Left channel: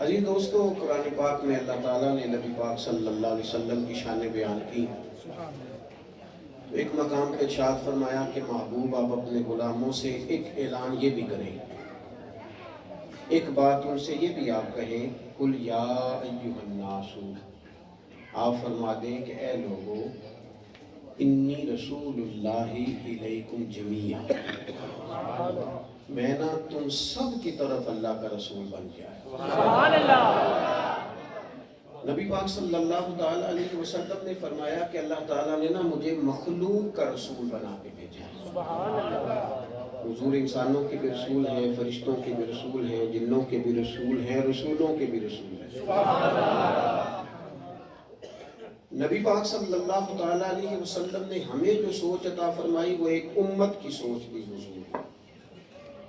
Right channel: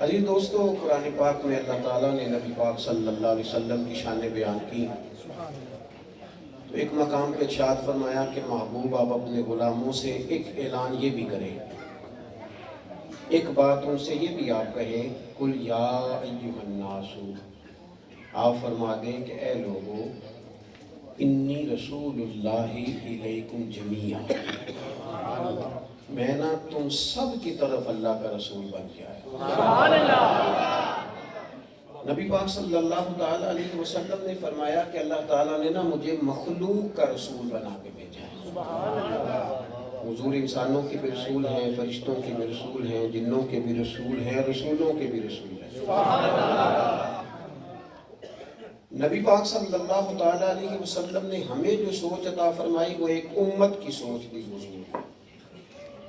عزیز دوستو، قرآن پاک میں اللہ تعالیٰ نے نبی پاک صلی اللہ علیہ وسلم کی شان بیان کی تو ایک مقام پہ ارشاد فرمایا کہ محبوب آپ اپنے غلاموں سے ایک اعلان یہ بھی کریں، ایک بات ان سے یہ بھی آپ کہیں، قل یا ایھا الناس، آپ فرما دیں کہ اے لوگو، انی رسول اللہ الیکم جمیعا، میں نا تم سب کی طرف اللہ کا رسول بن کے آیا۔ نبی پاک صلی اللہ تعالیٰ علیہ وسلم نے فرمایا کہ اللہ تعالیٰ نے نا مجھے مخلوق کا رسول بنا کے بھیجا ہے۔ حضور انسانوں کے بھی رسول ہیں، فرشتوں کے بھی رسول ہیں، جنوں کے بھی رسول ہیں، رسولوں کے بھی رسول ہیں۔ نبی پاک صلی اللہ تعالیٰ علیہ وسلم نے ہمیں جو سوچ عطا فرمائی وہ ایک امت کی سوچ دی حضور،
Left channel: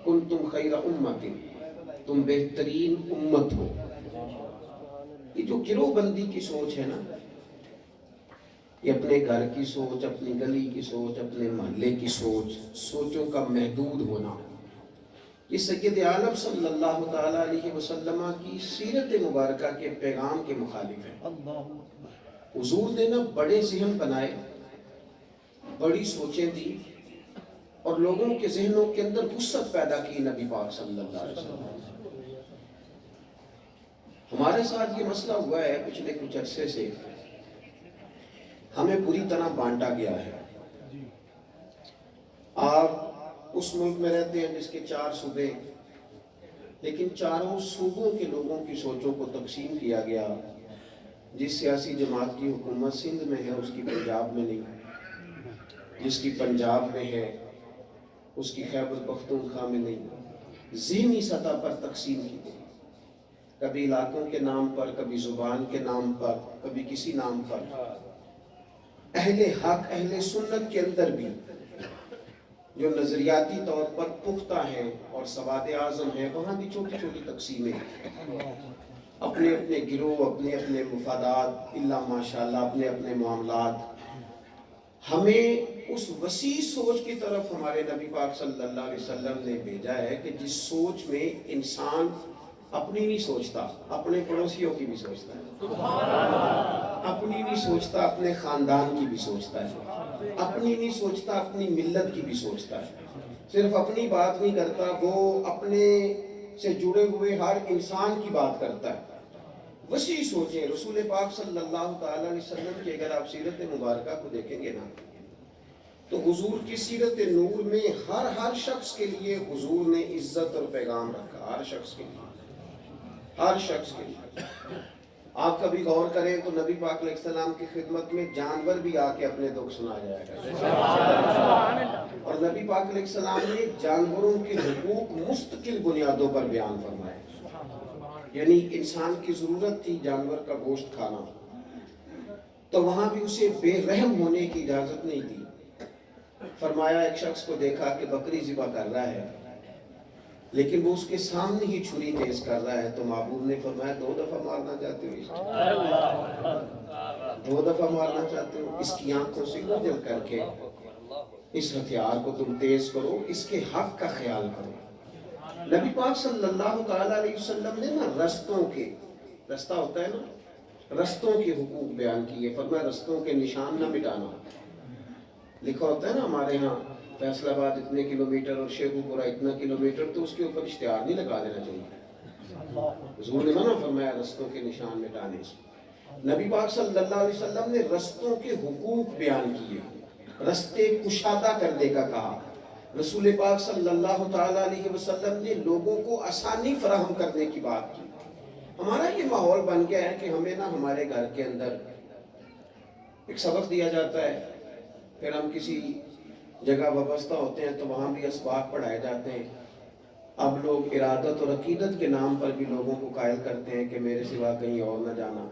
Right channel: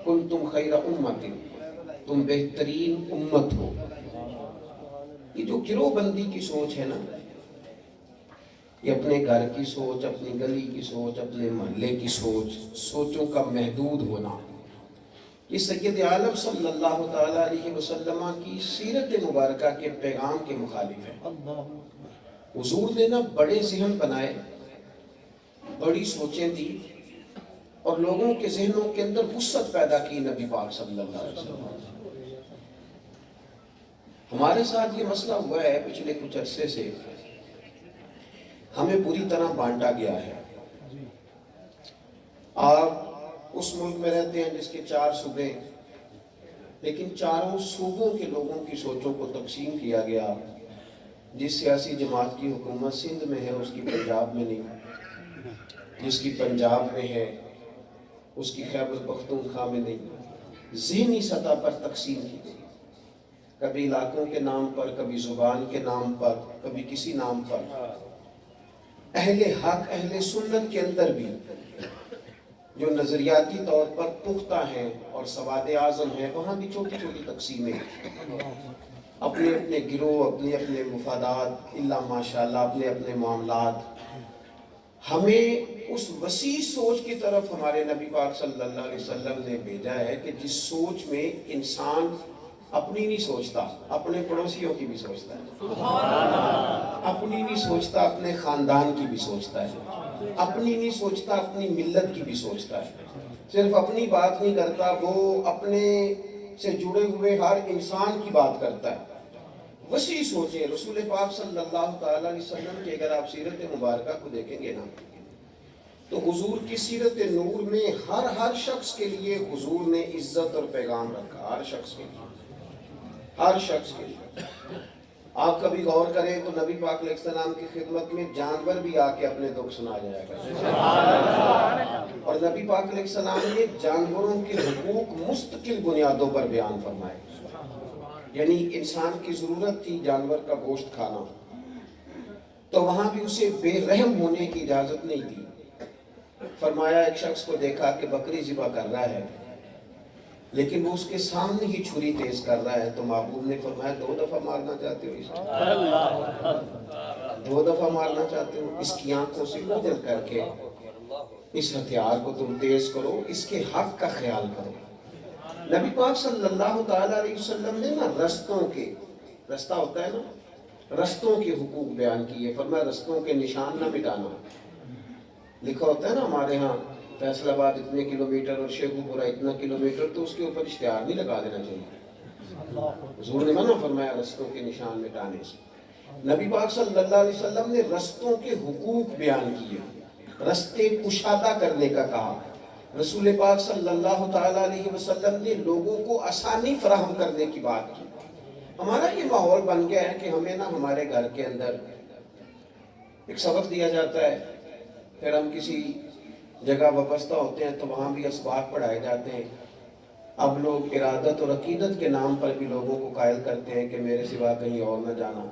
کنتم خیر امت، تم بہترین امت ہو۔ یہ جو گروہ بندی کی سوچ ہے نا، یہ اپنے گھر کی سوچ، اپنی گلی کی سوچ، اپنے محلے کی سوچ، سوچوں کا محدود ہونا، یہ سید عالم صلی اللہ تعالیٰ علیہ وسلم کی سیرت مبارکہ کے پیغام کے مخالف ہے۔ حضور نے نا بڑے ذہن بنائے، بڑی سوچیں دی اور لوگوں کے ذہنوں کے اندر وسعت پیدا کی نبی پاک صلی اللہ علیہ وسلم۔ ہمارے ساتھ یہ مسئلہ ہوا ہے پچھلے کچھ عرصے سے، ہمیں پوری طرح بانٹا گیا ہے۔ آپ اس ملک میں رہتے ہیں جس کے 4 صوبے، لیکن چاروں صوبوں کے لوگوں کی سوچوں کو تقسیم کیا گیا۔ جس سیاسی جماعت کی حکومت سندھ میں ہے اس کی پنجاب میں نہیں، جس کی پنجاب میں ہے اس کی خیبر پختونخوا میں نہیں، ذہنی سطح پر تقسیم کی گئی، کبھی علاقوں کے نام پر، کبھی زبان کے نام پر، کبھی کسی نام پر۔ اہل حق، اہل سنت کے اندر بھی جو نظریاتی طور پر پختہ ہیں اور سواد اعظم ہیں، وہاں بھی چھوٹی چھوٹی تقسیمیں، اپنے اپنے گروہ، اپنے اپنے مفادات، اللہ ماشاءاللہ اپنے اپنے معاملات۔ ہمیں اس وسیع سوچ کی طرف ہمارے نبی پاک صلی اللہ علیہ وسلم نے بھیجا ہے کہ جس سوچ میں انسان اپنی نہیں سوچتا، اپنے پڑوسیوں کی بھی سوچتا ہے، اپنی نہیں سوچتا، اپنے خاندان کی بھی سوچتا ہے، اپنی نہیں سوچتا، اپنی ملت کی بھی سوچتا ہے۔ صرف اپنی بات نہیں کرتا، وہ اپنے سے جڑے ہوئے ہر انسان کی بات کرتا ہے۔ وسیع سوچیں رسول پاک صلی اللہ تعالیٰ علیہ وسلم کی اگر آپ سیرت مبارکہ کو دیکھیں گے نا تو حضور کی سیرت نور میں ہر شخص کے لیے حضور نے عزت اور پیغام رکھا، ہر شخص کے لیے، ہر شخص کے لیے۔ آپ کبھی غور کریں تو نبی پاک علیہ السلام کی خدمت میں جانور بھی آ کے اپنے دکھ سنا جایا کرتے، اور نبی پاک علیہ السلام نے جانوروں کے حقوق مستقل بنیادوں پر بیان فرمائے۔ یعنی انسان کی ضرورت تھی جانور کا گوشت کھانا، تو وہاں بھی اسے بے رحم ہونے کی اجازت نہیں دی۔ فرمایا ایک شخص کو دیکھا کہ بکری ذبح کر رہا ہے لیکن وہ اس کے سامنے ہی چھری تیز کر رہا ہے، تو محبوب نے فرمایا 2 دفعہ مارنا چاہتے ہو، اس کو 2 دفعہ مارنا چاہتے ہو، اس کی آنکھوں سے اوجھل کر کے اس ہتھیار کو تم تیز کرو، اس کے حق کا خیال کرو۔ نبی پاک صلی اللہ تعالیٰ علیہ وسلم نے نا رستوں کے، رستہ ہوتا ہے نا، رستوں کے حقوق بیان کیے۔ فرمایا رستوں کے نشان نہ مٹانا۔ لکھا ہوتا ہے نا ہمارے ہاں فیصل آباد اتنے کلومیٹر اور شیخو پورہ اتنا کلومیٹر، تو اس کے اوپر اشتہار نہیں لگا دینا چاہیے۔ حضور نے منع فرمایا رستوں کے نشان مٹانے سے۔ نبی پاک صلی اللہ علیہ وسلم نے رستوں کے حقوق بیان کیے، رستے کشادہ کرنے کا کہا۔ رسول پاک صلی اللہ تعالیٰ علیہ وسلم نے لوگوں کو آسانی فراہم کرنے کی بات کی۔ ہمارا یہ ماحول بن گیا ہے کہ ہمیں نا ہمارے گھر کے اندر ایک سبق دیا جاتا ہے، پھر ہم کسی جگہ وابستہ ہوتے ہیں تو وہاں بھی اسباق پڑھائے جاتے ہیں۔ اب لوگ ارادت اور عقیدت کے نام پر بھی لوگوں کو قائل کرتے ہیں کہ میرے سوا کہیں اور نہ جانا۔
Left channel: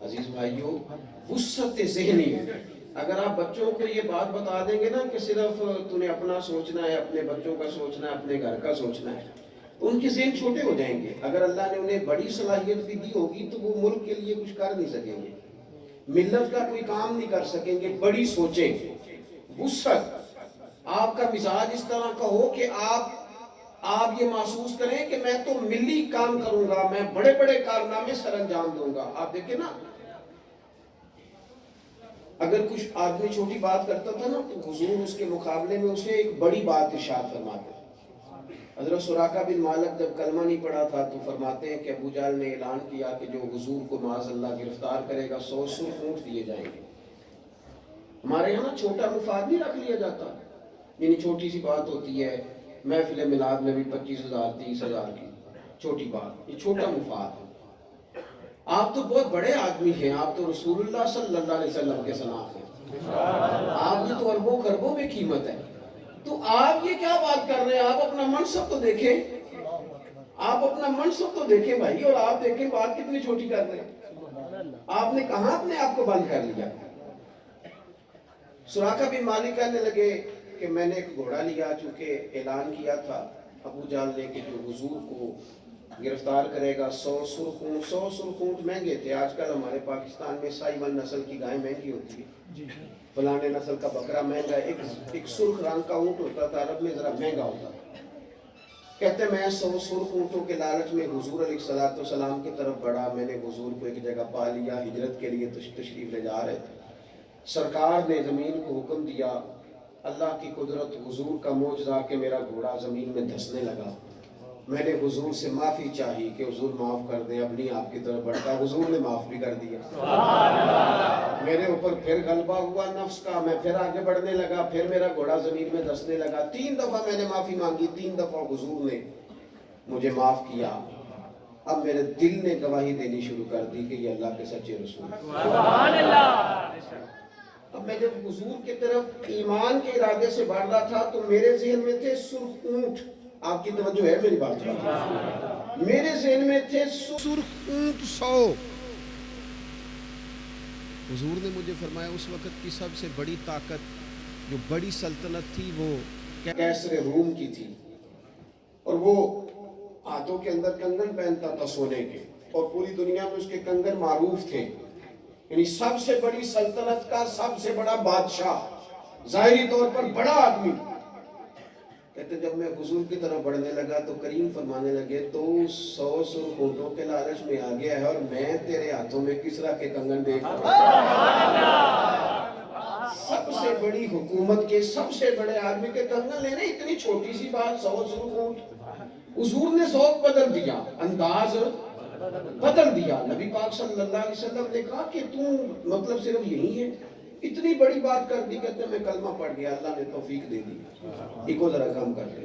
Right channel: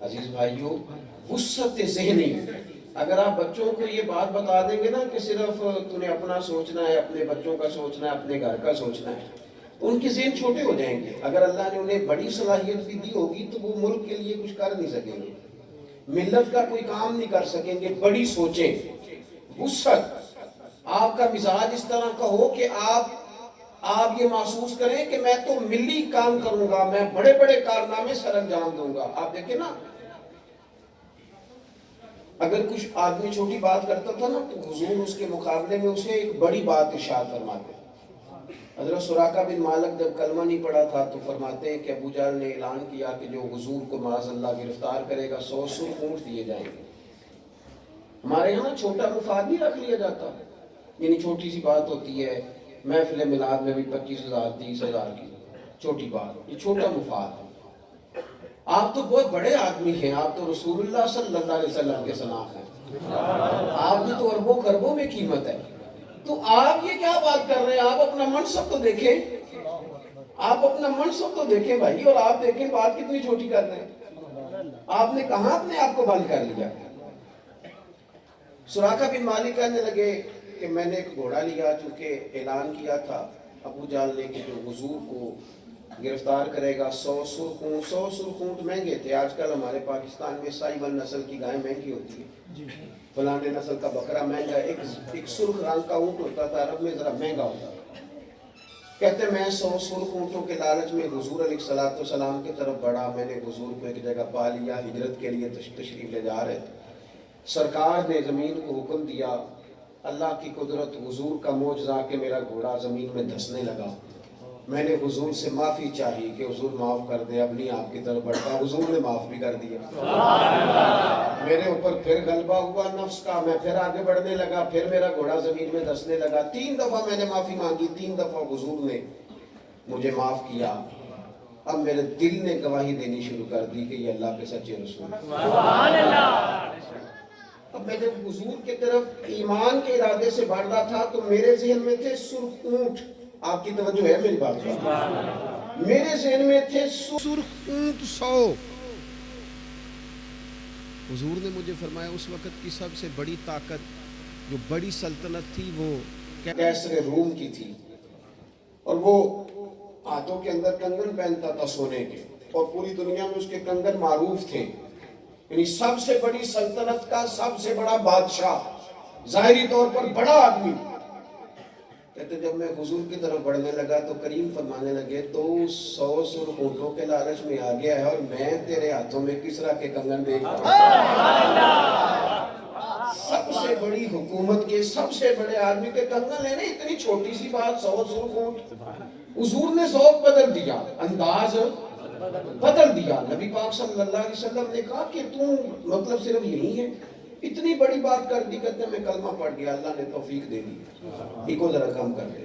عزیز بھائیو، وسعت ذہنی، اگر آپ بچوں کو یہ بات بتا دیں گے نا کہ صرف تمہیں اپنا سوچنا ہے، اپنے بچوں کا سوچنا ہے، اپنے گھر کا سوچنا ہے، تو ان کے ذہن چھوٹے ہو جائیں گے۔ اگر اللہ نے انہیں بڑی صلاحیت بھی دی ہوگی تو وہ ملک کے لیے کچھ کر نہیں سکیں گے، ملت کا کوئی کام نہیں کر سکیں گے۔ بڑی سوچیں، وسعت، آپ کا مزاج اس طرح کا ہو کہ آپ آپ یہ محسوس کریں کہ میں تو ملی کام کروں گا، میں بڑے بڑے کارنامے سر انجام دوں گا۔ آپ دیکھیں نا، اگر کچھ آدمی چھوٹی بات کرتا تھا نا تو حضور اس کے مقابلے میں اسے ایک بڑی بات ارشاد فرماتے۔ حضرت سراقہ بن مالک جب کلمہ نہیں پڑھا تھا تو فرماتے ہیں کہ ابو جہل نے اعلان کیا کہ جو حضور کو معاذ اللہ گرفتار کرے گا 100 سرخ اونٹ دیے جائیں گے۔ ہمارے یہاں چھوٹا مفاد نہیں رکھ لیا جاتا، یعنی چھوٹی سی بات ہوتی ہے، محفل میلاد میں بھی 25,000 30,000 کی چھوٹی بات، یہ چھوٹا مفاد ہے۔ آپ تو بہت بڑے آدمی ہیں، آپ تو رسول اللہ صلی اللہ علیہ وسلم کے سناف ہیں، آپ کی تو اربوں خربوں میں قیمت ہے، تو آپ یہ کیا بات کر رہے ہیں؟ آپ اپنا منصب تو دیکھیں، آپ اپنا منصب تو دیکھیں بھائی، اور آپ دیکھیں بات کتنی چھوٹی کر رہے ہیں۔ آپ نے کہاں اپنے آپ کو بند کر لیا؟ سراقہ بن مالک کہنے لگے کہ میں نے ایک گھوڑا لیا، چونکہ اعلان کیا تھا ابو جہل نے کہ جو حضور کو گرفتار کرے گا 100 سرخ اونٹ۔ 100 سرخ اونٹ مہنگے تھے، آج کل ہمارے پاکستان میں سائیوان نسل کی گائے مہنگی ہوتی ہے، فلانے نسل کا بکرا مہنگا ہے، ایک سرخ رنگ کا اونٹ ہوتا تھا عرب میں، ذرا مہنگا ہوتا تھا۔ کہتے میں 100 سرخ اونٹوں کے لالچ میں حضور علیہ السلام کی طرف بڑھا، میں نے حضور کو ایک جگہ پا لیا، ہجرت کے لیے تشریف لے جا رہے تھے، سرکار نے زمین کو حکم دیا، اللہ کی قدرت، حضور کا معجزہ کہ میرا گھوڑا زمین میں دھسنے لگا، میں نے حضور سے معافی چاہی کہ حضور معاف کر دیں، اب نہیں آپ کی طرف بڑھتا، حضور نے معاف بھی کر دیا۔ میرے اوپر پھر غلبہ ہوا نفس کا، میں پھر آگے بڑھنے لگا، پھر میرا گھوڑا زمین میں دھسنے لگا، 3 دفعہ میں نے معافی مانگی، 3 دفعہ حضور نے مجھے معاف کیا۔ اب میرے دل نے گواہی دینی شروع کر دی کہ یہ اللہ کے سچے رسول ہیں۔ اب میں جب حضور کی طرف ایمان کے ارادے سے بڑھ رہا تھا تو میرے ذہن میں تھے سرخ اونٹ، آپ کی توجہ ہے میری بات پر، میرے ذہن میں تھے سرخ اونٹ 100۔ حضور نے مجھے فرمایا اس وقت کی سب سے بڑی طاقت، جو بڑی سلطنت تھی، وہ کیسر روم کی تھی، اور وہ ہاتھوں کے اندر کنگن پہنتا تھا سونے کے، اور پوری دنیا میں اس کے کنگن معروف تھے، یعنی سب سے بڑی سلطنت کا سب سے بڑا بادشاہ، ظاہری طور پر بڑا آدمی۔ کہتے جب میں حضور کی طرف بڑھنے لگا تو کریم فرمانے لگے تو 100 سرخ اونٹوں کے لالچ میں آ گیا ہے، اور میں تیرے ہاتھوں میں کسرا کے کنگن دیکھ رہا ہوں۔ سب سے بڑی حکومت کے سب سے بڑے آدمی کے کنگن لینے، اتنی چھوٹی سی بات 100 سرخ اونٹ۔ حضور نے ذوق بدل دیا، انداز بدل دیا۔ نبی پاک صلی اللہ علیہ وسلم نے کہا کہ تم مطلب صرف یہی ہے، اتنی بڑی بات کر دی۔ کہتے میں کلمہ پڑھ گیا، اللہ نے توفیق دے دی، ایک ذرا کام کر لے۔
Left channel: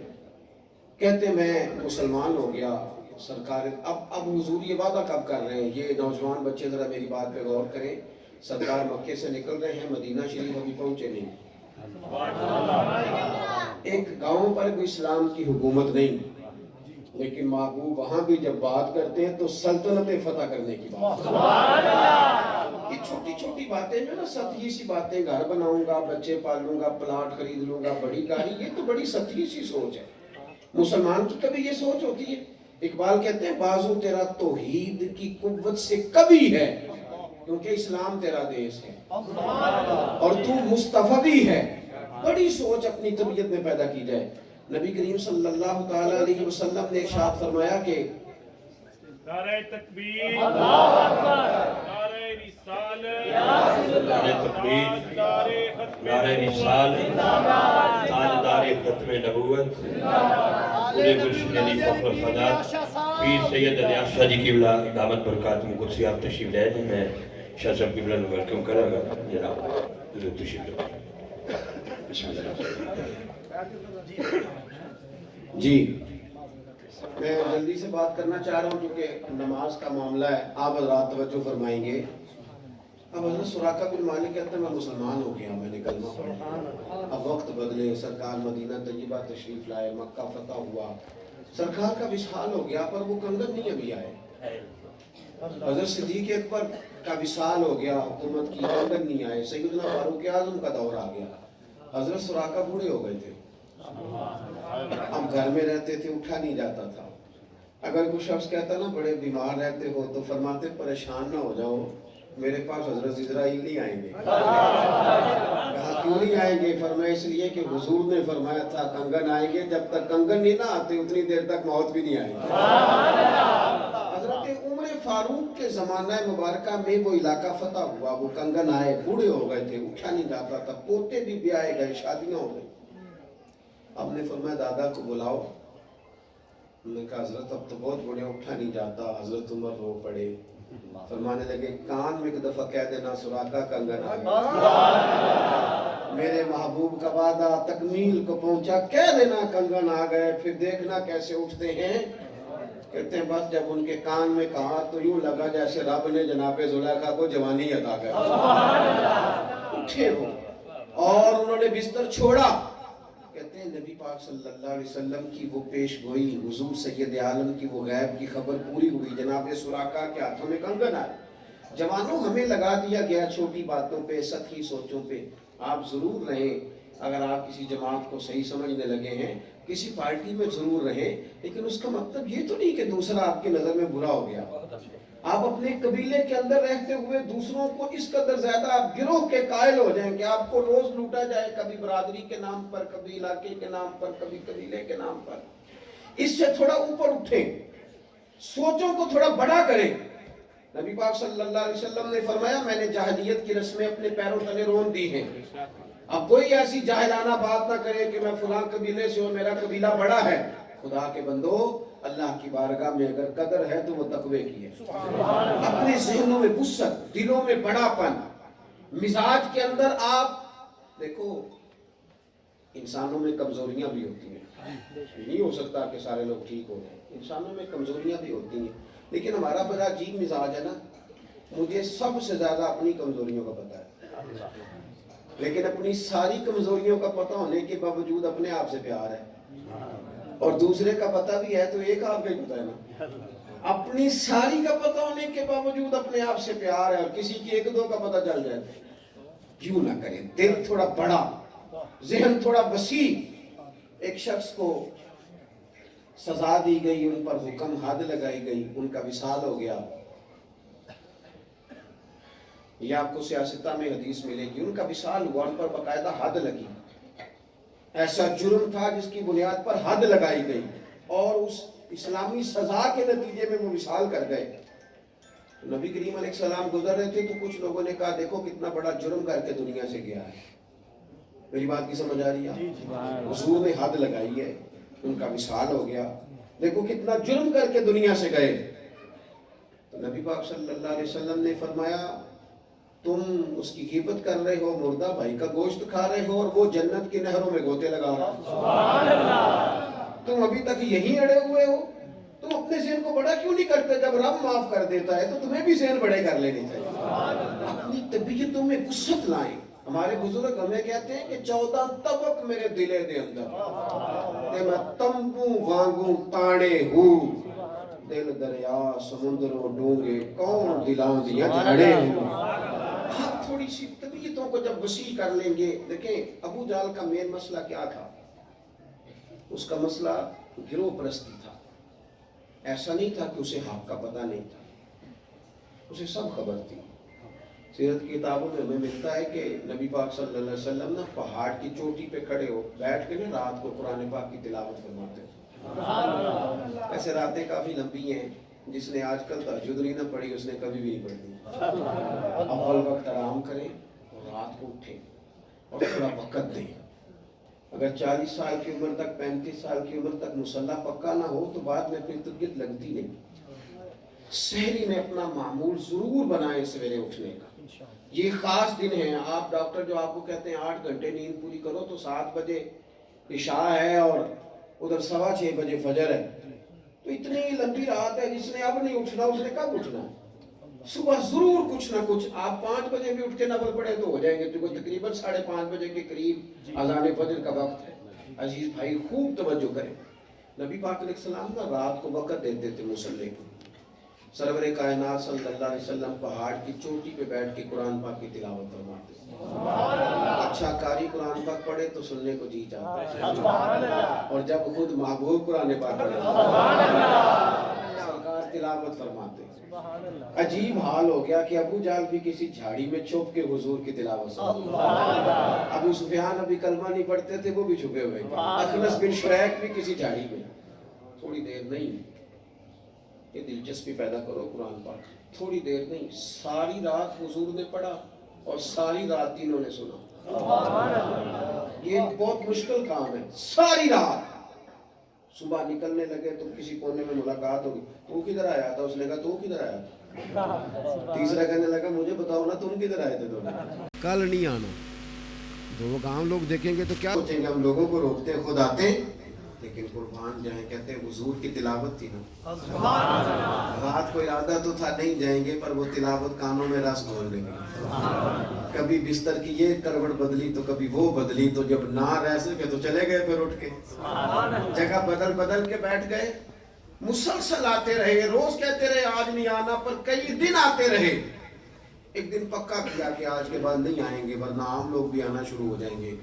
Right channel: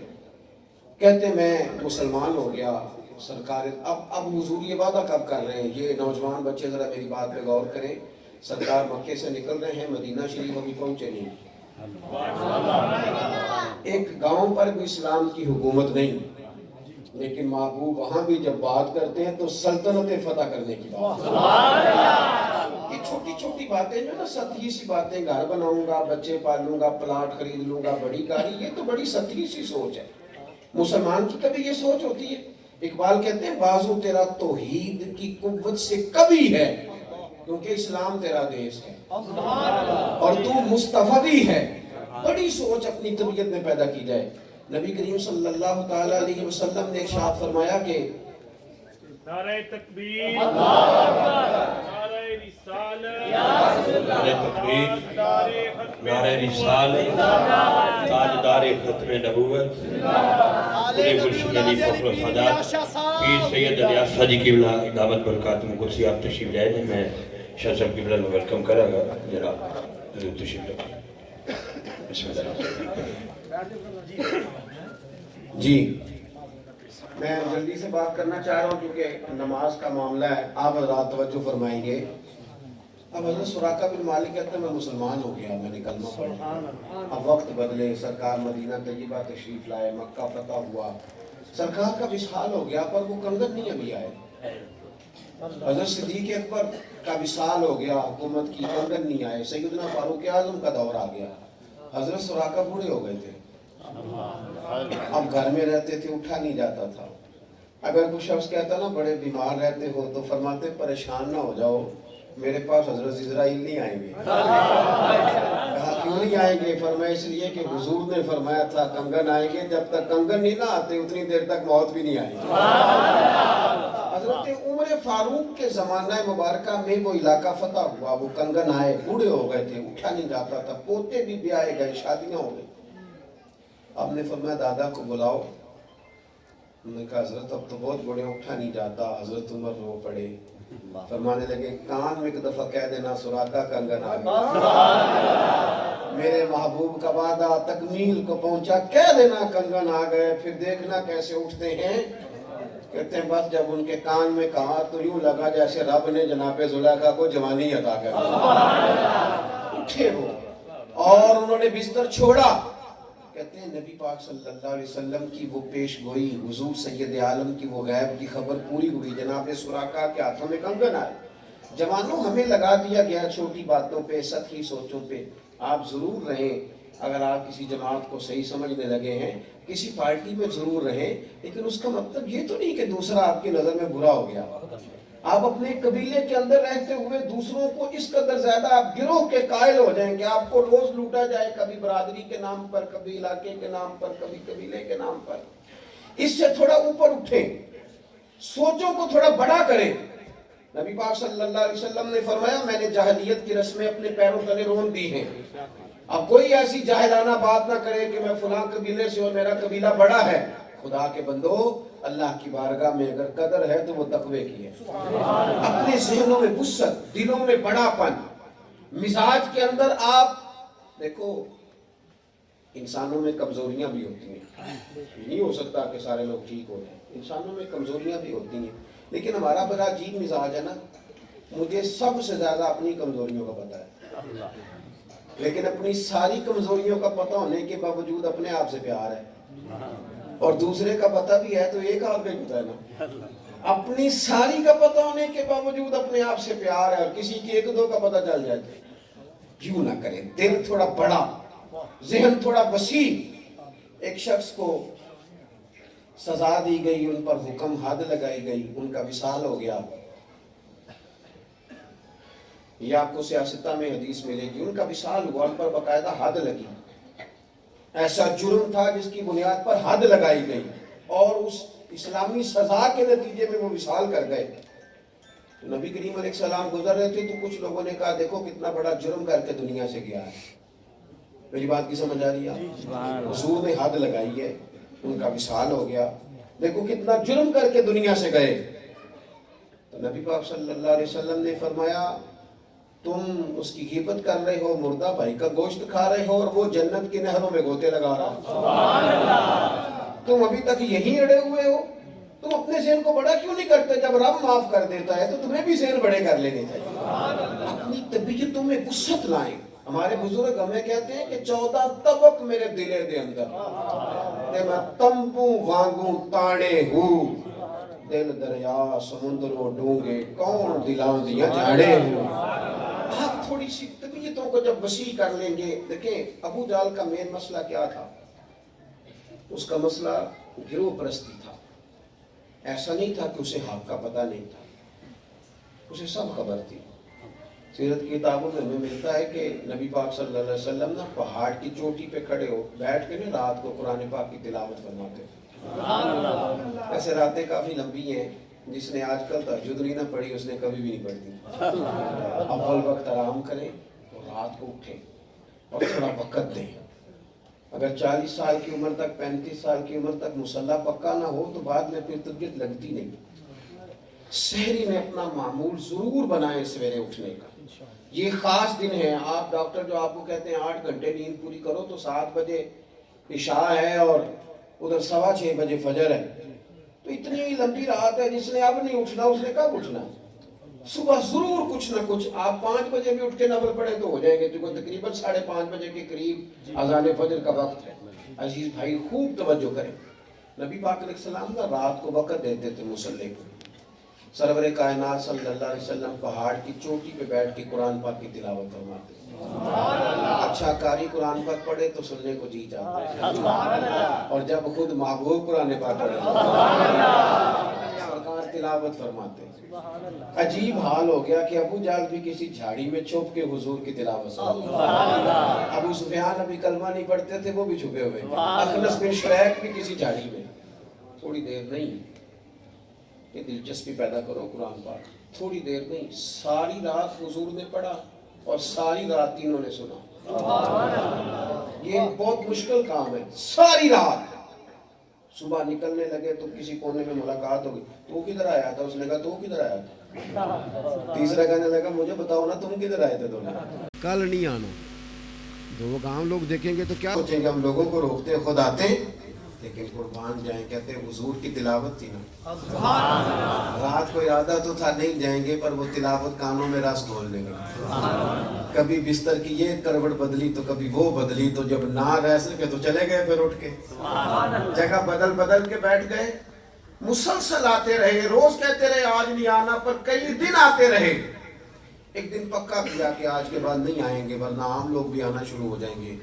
کہتے میں مسلمان ہو گیا سرکار۔ اب حضور یہ وعدہ کب کر رہے ہیں؟ یہ نوجوان بچے ذرا میری بات پہ غور کریں، سرکار مکے سے نکل رہے ہیں، مدینہ شریف ابھی پہنچے نہیں، ایک گاؤں پر بھی اسلام کی حکومت نہیں، لیکن محبوب وہاں بھی جب بات کرتے ہیں تو سلطنتیں فتح کرنے کی بات۔ یہ چھوٹی چھوٹی باتیں جو نا، سطحی سی باتیں، گھر بناؤں گا، بچے پالوں گا، پلاٹ خرید لوں گا، بڑی گاڑی، یہ تو بڑی سطحی سی سوچ ہے۔ مسلمان کی کبھی یہ سوچ ہوتی ہے؟ اقبال کہتے ہیں بازو تیرا توحید کی قوت سے کبھی ہے، کیونکہ اسلام تیرا دیش ہے اور تو مصطفی ہے۔ بڑی سوچ اپنی طبیعت میں پیدا کی جائے۔ نبی کریم صلی اللہ تعالی علیہ وسلم نے ارشاد فرمایا کہ نعرہ تکبیر، نعرہ رسالت، نعرہ رسالت، تاجدار ختم نبوت، پورے گلشن علی فخر و سعادت پیر سید علی اصفہانی جی کی دعوت برکاتہ قدسی آپ تشریف لائے ہیں۔ میں شاہ صاحب کی بلند ویلکم کرا گا، جناب حضور تشریف لائے۔ بسم اللہ۔ جی میں جلدی سے بات کرنا چاہ رہا ہوں کیونکہ نماز کا معاملہ ہے، آپ حضرات توجہ فرمائیں گے۔ اب حضرت سراقہ بن مالک کہتے ہیں میں مسلمان ہو گیا، میں نے کلمہ پڑھا، اب وقت بدلے، سرکار مدینہ طیبہ تشریف لائے، مکہ فتح ہوا، سرکار کا وصال ہو گیا، پر وہ کنگن نہیں ابھی آئے۔ حضرت صدیق اکبر کا وصال ہو گیا، حکومت کی، کنگن نہیں آئے، سیدنا فاروق اعظم کا دور آ گیا، حضرت سراقہ بوڑھے ہو گئے تھے، اب گھر میں رہتے تھے، اٹھا نہیں جاتا تھا۔ اگر کوئی شخص کہتا نا بڑے بیمار رہتے ہو تو فرماتے پریشان نہ ہو جاؤ، میرے پاس حضرت اسرائیل نہیں آئیں گے. کہا کیوں نہیں آئیں گے؟ فرمایا اس لیے کہ حضور نے فرمایا تھا کنگن آئیں گے، جب تک کنگن نہیں نہ آتے اتنی دیر تک موت بھی نہیں آئے گی. حضرت عمر فاروق کے زمانہ مبارکہ میں وہ علاقہ فتح ہوا، وہ کنگن آئے، بوڑھے ہو گئے تھے، اٹھا نہیں جاتا تھا، پوتے بھی بیائے گئے، شادیاں ہو گئی. اب نے فرمایا دادا کو بلاؤ. انہوں نے کہا حضرت اب تو بہت بڑے، اٹھا نہیں جاتا. حضرت عمر رو پڑے، فرمانے لگے کان میں ایک دفعہ کہہ دینا سراقہ کنگن آ گیا. میرے محبوب کا وعدہ تکمیل کو پہنچا، کہہ دینا کنگن آ گئے، پھر دیکھنا کیسے اٹھتے ہیں. کہتے ہیں بس جب ان کے کان میں کہا تو یوں لگا جیسے رب نے جناب زلیخا کو جوانی عطا کر دی. اٹھے وہ اور انہوں نے بستر چھوڑا. کہتے ہیں نبی پاک صلی اللہ علیہ وسلم کی وہ پیش گوئی، حضور سید عالم کی وہ غیب کی خبر پوری ہوئی. جناب سراقہ کے ہاتھوں میں کنگن آئے. جوانوں ہمیں لگا دیا گیا چھوٹی باتوں پہ، سطحی سوچوں پہ. آپ ضرور رہیں، اگر آپ کسی جماعت کو صحیح سمجھنے لگے ہیں، کسی پارٹی میں ضرور رہیں، لیکن اس کا مطلب یہ تو نہیں کہ دوسرا آپ کی نظر میں برا ہو گیا. آپ اپنے قبیلے کے اندر رہتے ہوئے دوسروں کو اس قدر زیادہ آپ گروہ کے قائل ہو جائیں کہ آپ کو روز لوٹا جائے، کبھی برادری کے نام پر، کبھی علاقے کے نام پر، کبھی قبیلے کے نام پر. اس سے تھوڑا اوپر اٹھیں، سوچوں کو تھوڑا بڑا کریں. نبی پاک صلی اللہ علیہ وسلم نے فرمایا میں نے جاہلیت کی رسمیں اپنے پیروں تلے رون دی ہیں. اب کوئی ایسی جاہلانہ بات نہ کرے کہ میں فلاں قبیلے سے ہوں، میرا قبیلہ بڑا ہے. خدا کے بندو، اللہ کی بارگاہ میں اگر قدر ہے تو وہ تقوی کی ہے. اپنے ذہنوں میں وسعت، دلوں میں بڑا پن، مزاج کے اندر آپ دیکھو انسانوں میں کمزوریاں بھی ہوتی ہیں. نہیں ہو سکتا کہ سارے لوگ ٹھیک ہو جائیں، انسانوں میں کمزوریاں بھی ہوتی ہیں. لیکن ہمارا بڑا عجیب مزاج ہے نا، مجھے سب سے زیادہ اپنی کمزوریوں کا پتہ ہے، لیکن اپنی ساری کمزوریوں کا پتہ ہونے کے باوجود اپنے آپ سے پیار ہے. اور دوسرے کا پتہ بھی ہے تو ایک آپ کا ہی پتہ ہے نا. اپنی ساری کا پتہ ہونے کے باوجود اپنے آپ سے پیار ہے، اور کسی کی ایک دو کا پتہ چل جائے کیوں نہ کریں. دل تھوڑا بڑا، ذہن تھوڑا وسیع. ایک شخص کو سزا دی گئی، ان پر حکم حد لگائی گئی، ان کا وصال ہو گیا. یہ آپ کو سیاستہ میں حدیث ملے گی. ان کا وصال ہوا، ان پر باقاعدہ حد لگی. ایسا جرم تھا جس کی بنیاد پر حد لگائی گئی، اور اس اسلامی سزا کے نتیجے میں وہ وصال کر گئے. نبی کریم علیہ السلام گزر رہے تھے تو کچھ لوگوں نے کہا دیکھو کتنا بڑا جرم کر کے دنیا سے گیا ہے. میری بات کی سمجھ آ رہی ہے؟ حضور نے حد لگائی ہے، ان کا وصال ہو گیا، دیکھو کتنا جرم کر کے دنیا سے گئے. تو نبی پاک صلی اللہ علیہ وسلم نے فرمایا تم اس کی غیبت کر رہے ہو، مردہ بھائی کا گوشت کھا رہے ہو، اور وہ جنت کی نہروں میں گوتے لگا رہا. تم ابھی تک یہی اڑے ہوئے ہو. تم اپنے ذہن کو بڑا کیوں نہیں کرتے؟ جب رب معاف کر دیتا ہے تو تمہیں بھی ذہن بڑے کر لینے چاہیے. اپنی طبیعتوں میں وسعت لائیں. ہمارے بزرگ ہمیں کہتے ہیں کہ 14 طبق میرے دلے دے اندر تے میں تمبوں وانگوں تانے ہوں، دل دریا سمندروں ڈونگے کون دلاؤں دیا جھاڑے ہوں. آپ تھوڑی سی طبیعتوں کو جب وسیع کر لیں گے. دیکھیں ابو جہل کا مین مسئلہ کیا تھا؟ اس کا مسئلہ گروہ پرستی تھا. ایسا نہیں تھا کہ اسے حق کا پتہ نہیں تھا، اسے سب خبر تھی. سیرت کی کتابوں میں ہمیں ملتا ہے کہ نبی پاک صلی اللہ علیہ وسلم نا پہاڑ کی چوٹی پہ کھڑے ہو بیٹھ کے نا رات کو قرآن پاک کی تلاوت فرماتے تھے. ایسے راتیں کافی لمبی ہیں، جس نے آج کل تہجد نہیں نہ پڑھی اس نے کبھی بھی نہیں پڑھی. اول وقت آرام کریں اور رات کو اٹھیں اور تھوڑا وقت دیں. اگر 40 سال کی عمر تک 35 سال کی عمر تک مصلح پکا نہ ہو تو بعد میں پھر طبیعت لگتی نہیں. سحری میں اپنا معمول ضرور بنائیں سویرے اٹھنے کا. یہ خاص دن ہے. آپ ڈاکٹر جو آپ کو کہتے ہیں 8 گھنٹے نیند پوری کرو تو 7 بجے عشاء ہے اور ادھر 6:15 بجے فجر ہے. تو اتنی لمبی رات ہے، جس نے اب نہیں اٹھنا اس نے کب اٹھنا؟ صبح ضرور کچھ نہ کچھ. آپ 5 بجے بھی اٹھ کے نفل پڑھے تو ہو جائیں گے، کیونکہ تقریباً 5:30 بجے کے قریب اذان فجر کا وقت ہے. عزیز بھائی خوب توجہ کریں. نبی پاک علیہ السلام کا رات کو وقت دیتے تھے مصلی کو. سرور کائنات صلی اللہ علیہ وسلم پہاڑ کی چوٹی پہ بیٹھ کے قرآن پاک کی تلاوت فرماتے. اچھا قاری قرآن پاک پڑھے تو سننے کو جی چاہتا ہے، اور جب خود محبوب قرآن پاک پڑھے سرکار تلاوت فرماتے. عجیب حال ہو گیا کہ ابو جہل بھی کسی جھاڑی میں چھپ کے حضور کی تلاوت سنتے، ابو سفیان ابھی کلمہ نہیں پڑھتے تھے، وہ بھی چھپے ہوئے تھے، اخنس بن شریح بھی کسی جھاڑی میں۔ تھوڑی دیر نہیں کہ دلچسپی پیدا کرو قرآن پاک، تھوڑی دیر نہیں، ساری رات حضور نے پڑھا اور ساری رات تینوں نے سنا۔ یہ بہت مشکل کام ہے، ساری رات۔ صبح نکلنے لگے تو کسی کونے میں ملاقات ہوگی، تو کدھر آیا تھا؟ اس نے کہا تو کدھر آیا تھا؟ تیسرا کہنے لگا مجھے بتاؤ نا تم کدھر آئے تھے دونوں؟ کل نہیں آنا، جو وہ کام لوگ دیکھیں گے تو کیا سوچیں گے ہم لوگوں کو روکتے ہیں، خود آتے ہیں، لیکن قربان جائیں، کہتے ہیں حضور کی تلاوت تھی نا، رات کو ارادہ تو تھا نہیں جائیں گے، پر وہ تلاوت کانوں میں رس گھولنے لگی۔ کبھی بستر کی یہ کروٹ بدلی تو کبھی وہ بدلی، تو جب نہ رہ سکے تو چلے گئے پھر اٹھ کے، جگہ بدل بدل کے بیٹھ گئے۔ مسلسل آتے رہے، روز کہتے رہے آج نہیں آنا، پر کئی دن آتے رہے۔ ایک دن پکا کیا کہ آج کے بعد نہیں آئیں گے، ورنہ عام لوگ بھی آنا شروع ہو جائیں گے۔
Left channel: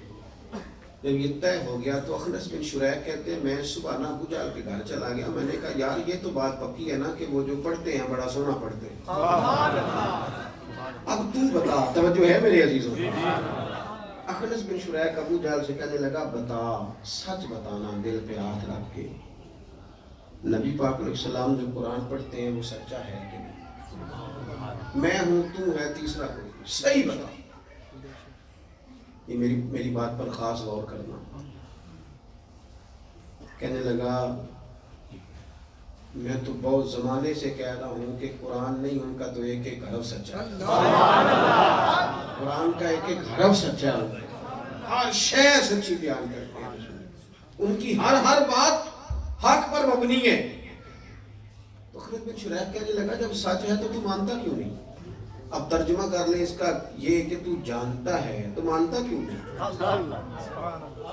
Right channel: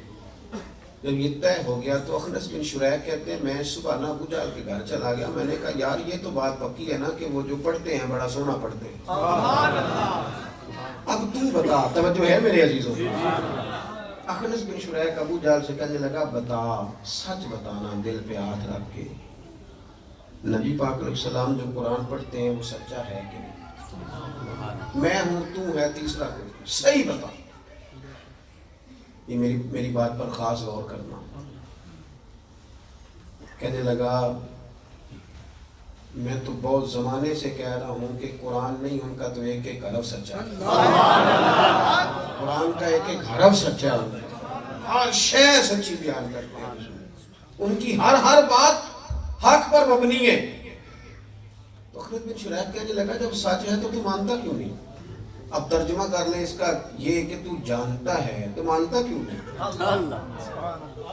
جب یہ طے ہو گیا تو اخنس بن شریح کہتے ہیں میں صبح نا ابو جہل کے گھر چلا گیا، میں نے کہا یار یہ تو بات پکی ہے نا کہ وہ جو پڑھتے ہیں بڑا سونا پڑھتے ہیں، اب تو بتا، توجہ ہے میرے عزیزوں؟ اخنس بن شریح ابو جہل سے کہنے لگا بتا، سچ بتانا دل پہ ہاتھ رکھ کے، نبی پاک علیہ السلام جو قرآن پڑھتے ہیں وہ سچا ہے کہ نہیں؟ میں ہوں، تو ہے، تیسرا کوئی، صحیح بتا۔ یہ میری بات پر خاص غور کرنا۔ کہنے لگا میں تو بہت زمانے سے کہہ رہا ہوں کہ قرآن نہیں، ان کا تو ایک ایک حرف سچا ہے، قرآن کا ایک ایک حرف سچا ہے، ہر شے سچی بیان کرتے ہیں، ان کی ہر بات حق پر مبنی ہے۔ تو خالد بن شریح کہنے لگا جب سچ ہے تو تو مانتا کیوں نہیں؟ اب ترجمہ کر لیں اس کا یہ کہ تو جانتا ہے تو مانتا کیوں نہیں؟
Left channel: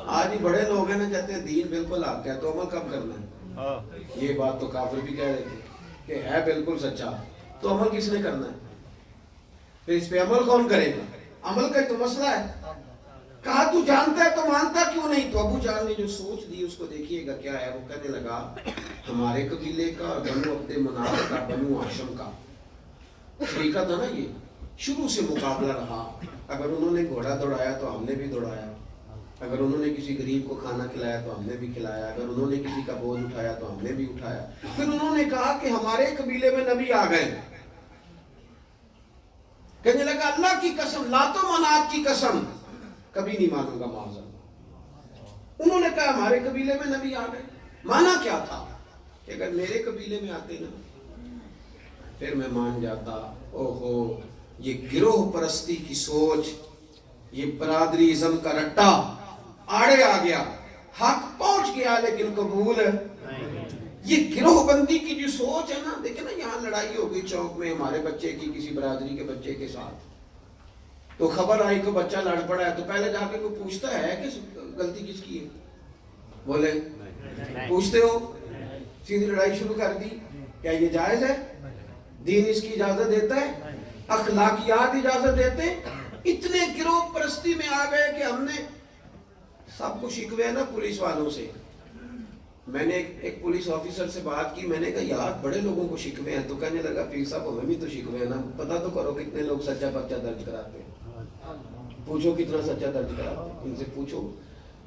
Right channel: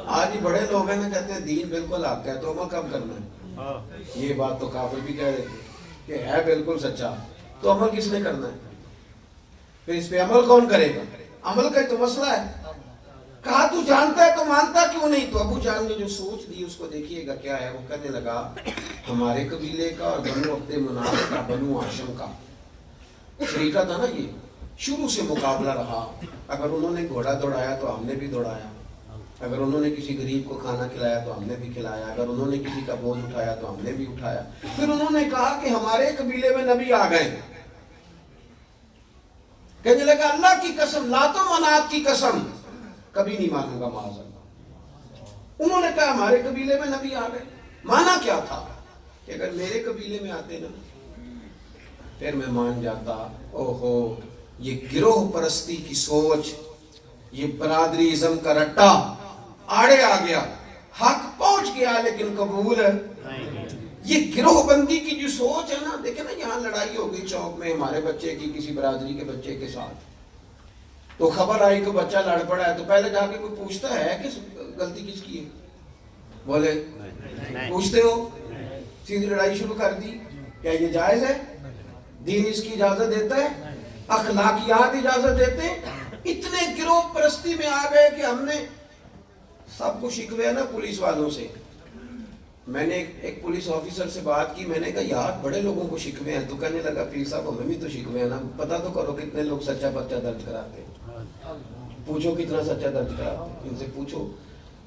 آج ہی بڑے لوگ ہیں نا کہتے ہیں دین بالکل حق ہے تو عمل کب کرنا ہے؟ یہ بات تو کافر بھی کہہ رہے تھے کہ ہے بالکل سچا، تو عمل کس نے کرنا ہے؟ پھر اس پہ عمل کون کرے گا؟ عمل کا تو مسئلہ ہے۔ کہا تو جانتا ہے تو مانتا کیوں نہیں؟ تو ابو جہل نے جو سوچ دی اس کو دیکھیے گا کیا ہے۔ وہ کہنے لگا ہمارے قبیلے کا اور بنو عبد مناف کا، بنو ہاشم کا شریکہ تھا نا، یہ شروع سے مقابلہ رہا۔ اگر انہوں نے گھوڑا دوڑایا تو ہم نے بھی دوڑایا، اگر انہوں نے کسی غریب کو کھانا کھلایا تو ہم نے بھی کھلایا، اگر انہوں نے کسی کا بوجھ اٹھایا تو ہم نے بھی اٹھایا۔ پھر انہوں نے کہا کہ ہمارے قبیلے میں نبی آ گئے۔ کہنے لگا اللہ کی قسم، لات و منات کی قسم، کبھی نہیں مانوں گا معاذ اللہ۔ انہوں نے کہا ہمارے قبیلے میں نبی آ گئے۔ مانا کیا تھا کہ اگر میرے قبیلے میں آتے نا پھر میں مان جاتا۔ اوہو، یہ گروہ پرستی کی سوچ، یہ برادری ازم کا رٹا آڑے آ گیا، حق پہنچ گیا لیکن قبول یہ گروہ بندی کی جو سوچ ہے نا، دیکھیں نا یہاں لڑائی ہو گئی چوک میں ہمارے بچے کی کسی برادری کے بچے کے ساتھ، تو خبر آئی کہ بچہ لڑ پڑا ہے، تو پہلے جا کے کوئی پوچھتا ہے کہ غلطی کس کی ہے؟ بولے پوچھتے ہو؟ سیدھی لڑائی شروع کر دی۔ کیا یہ جائز ہے؟ دین اس کی اجازت دیتا ہے؟ اخلاقیات اجازت دیتے ہیں؟ اتنے گروہ پرستی میں آ گئے کہ ہم نے سب کو شکوے ہیں نا پولیس والوں سے۔ میں نے ایک پولیس آفیسر سے بات کی، میں نے کہا یار بڑے لوگوں کو شکوے ہیں، تو کہنے لگا پیر صاحب ہمیں بھی تو شکوے ہیں نا، پتہ تو کرو کتنے لوگ سچا پرچہ درج کراتے ہیں، پوچھو کتنا سچا درج کراتے ہیں، ان سے پوچھو،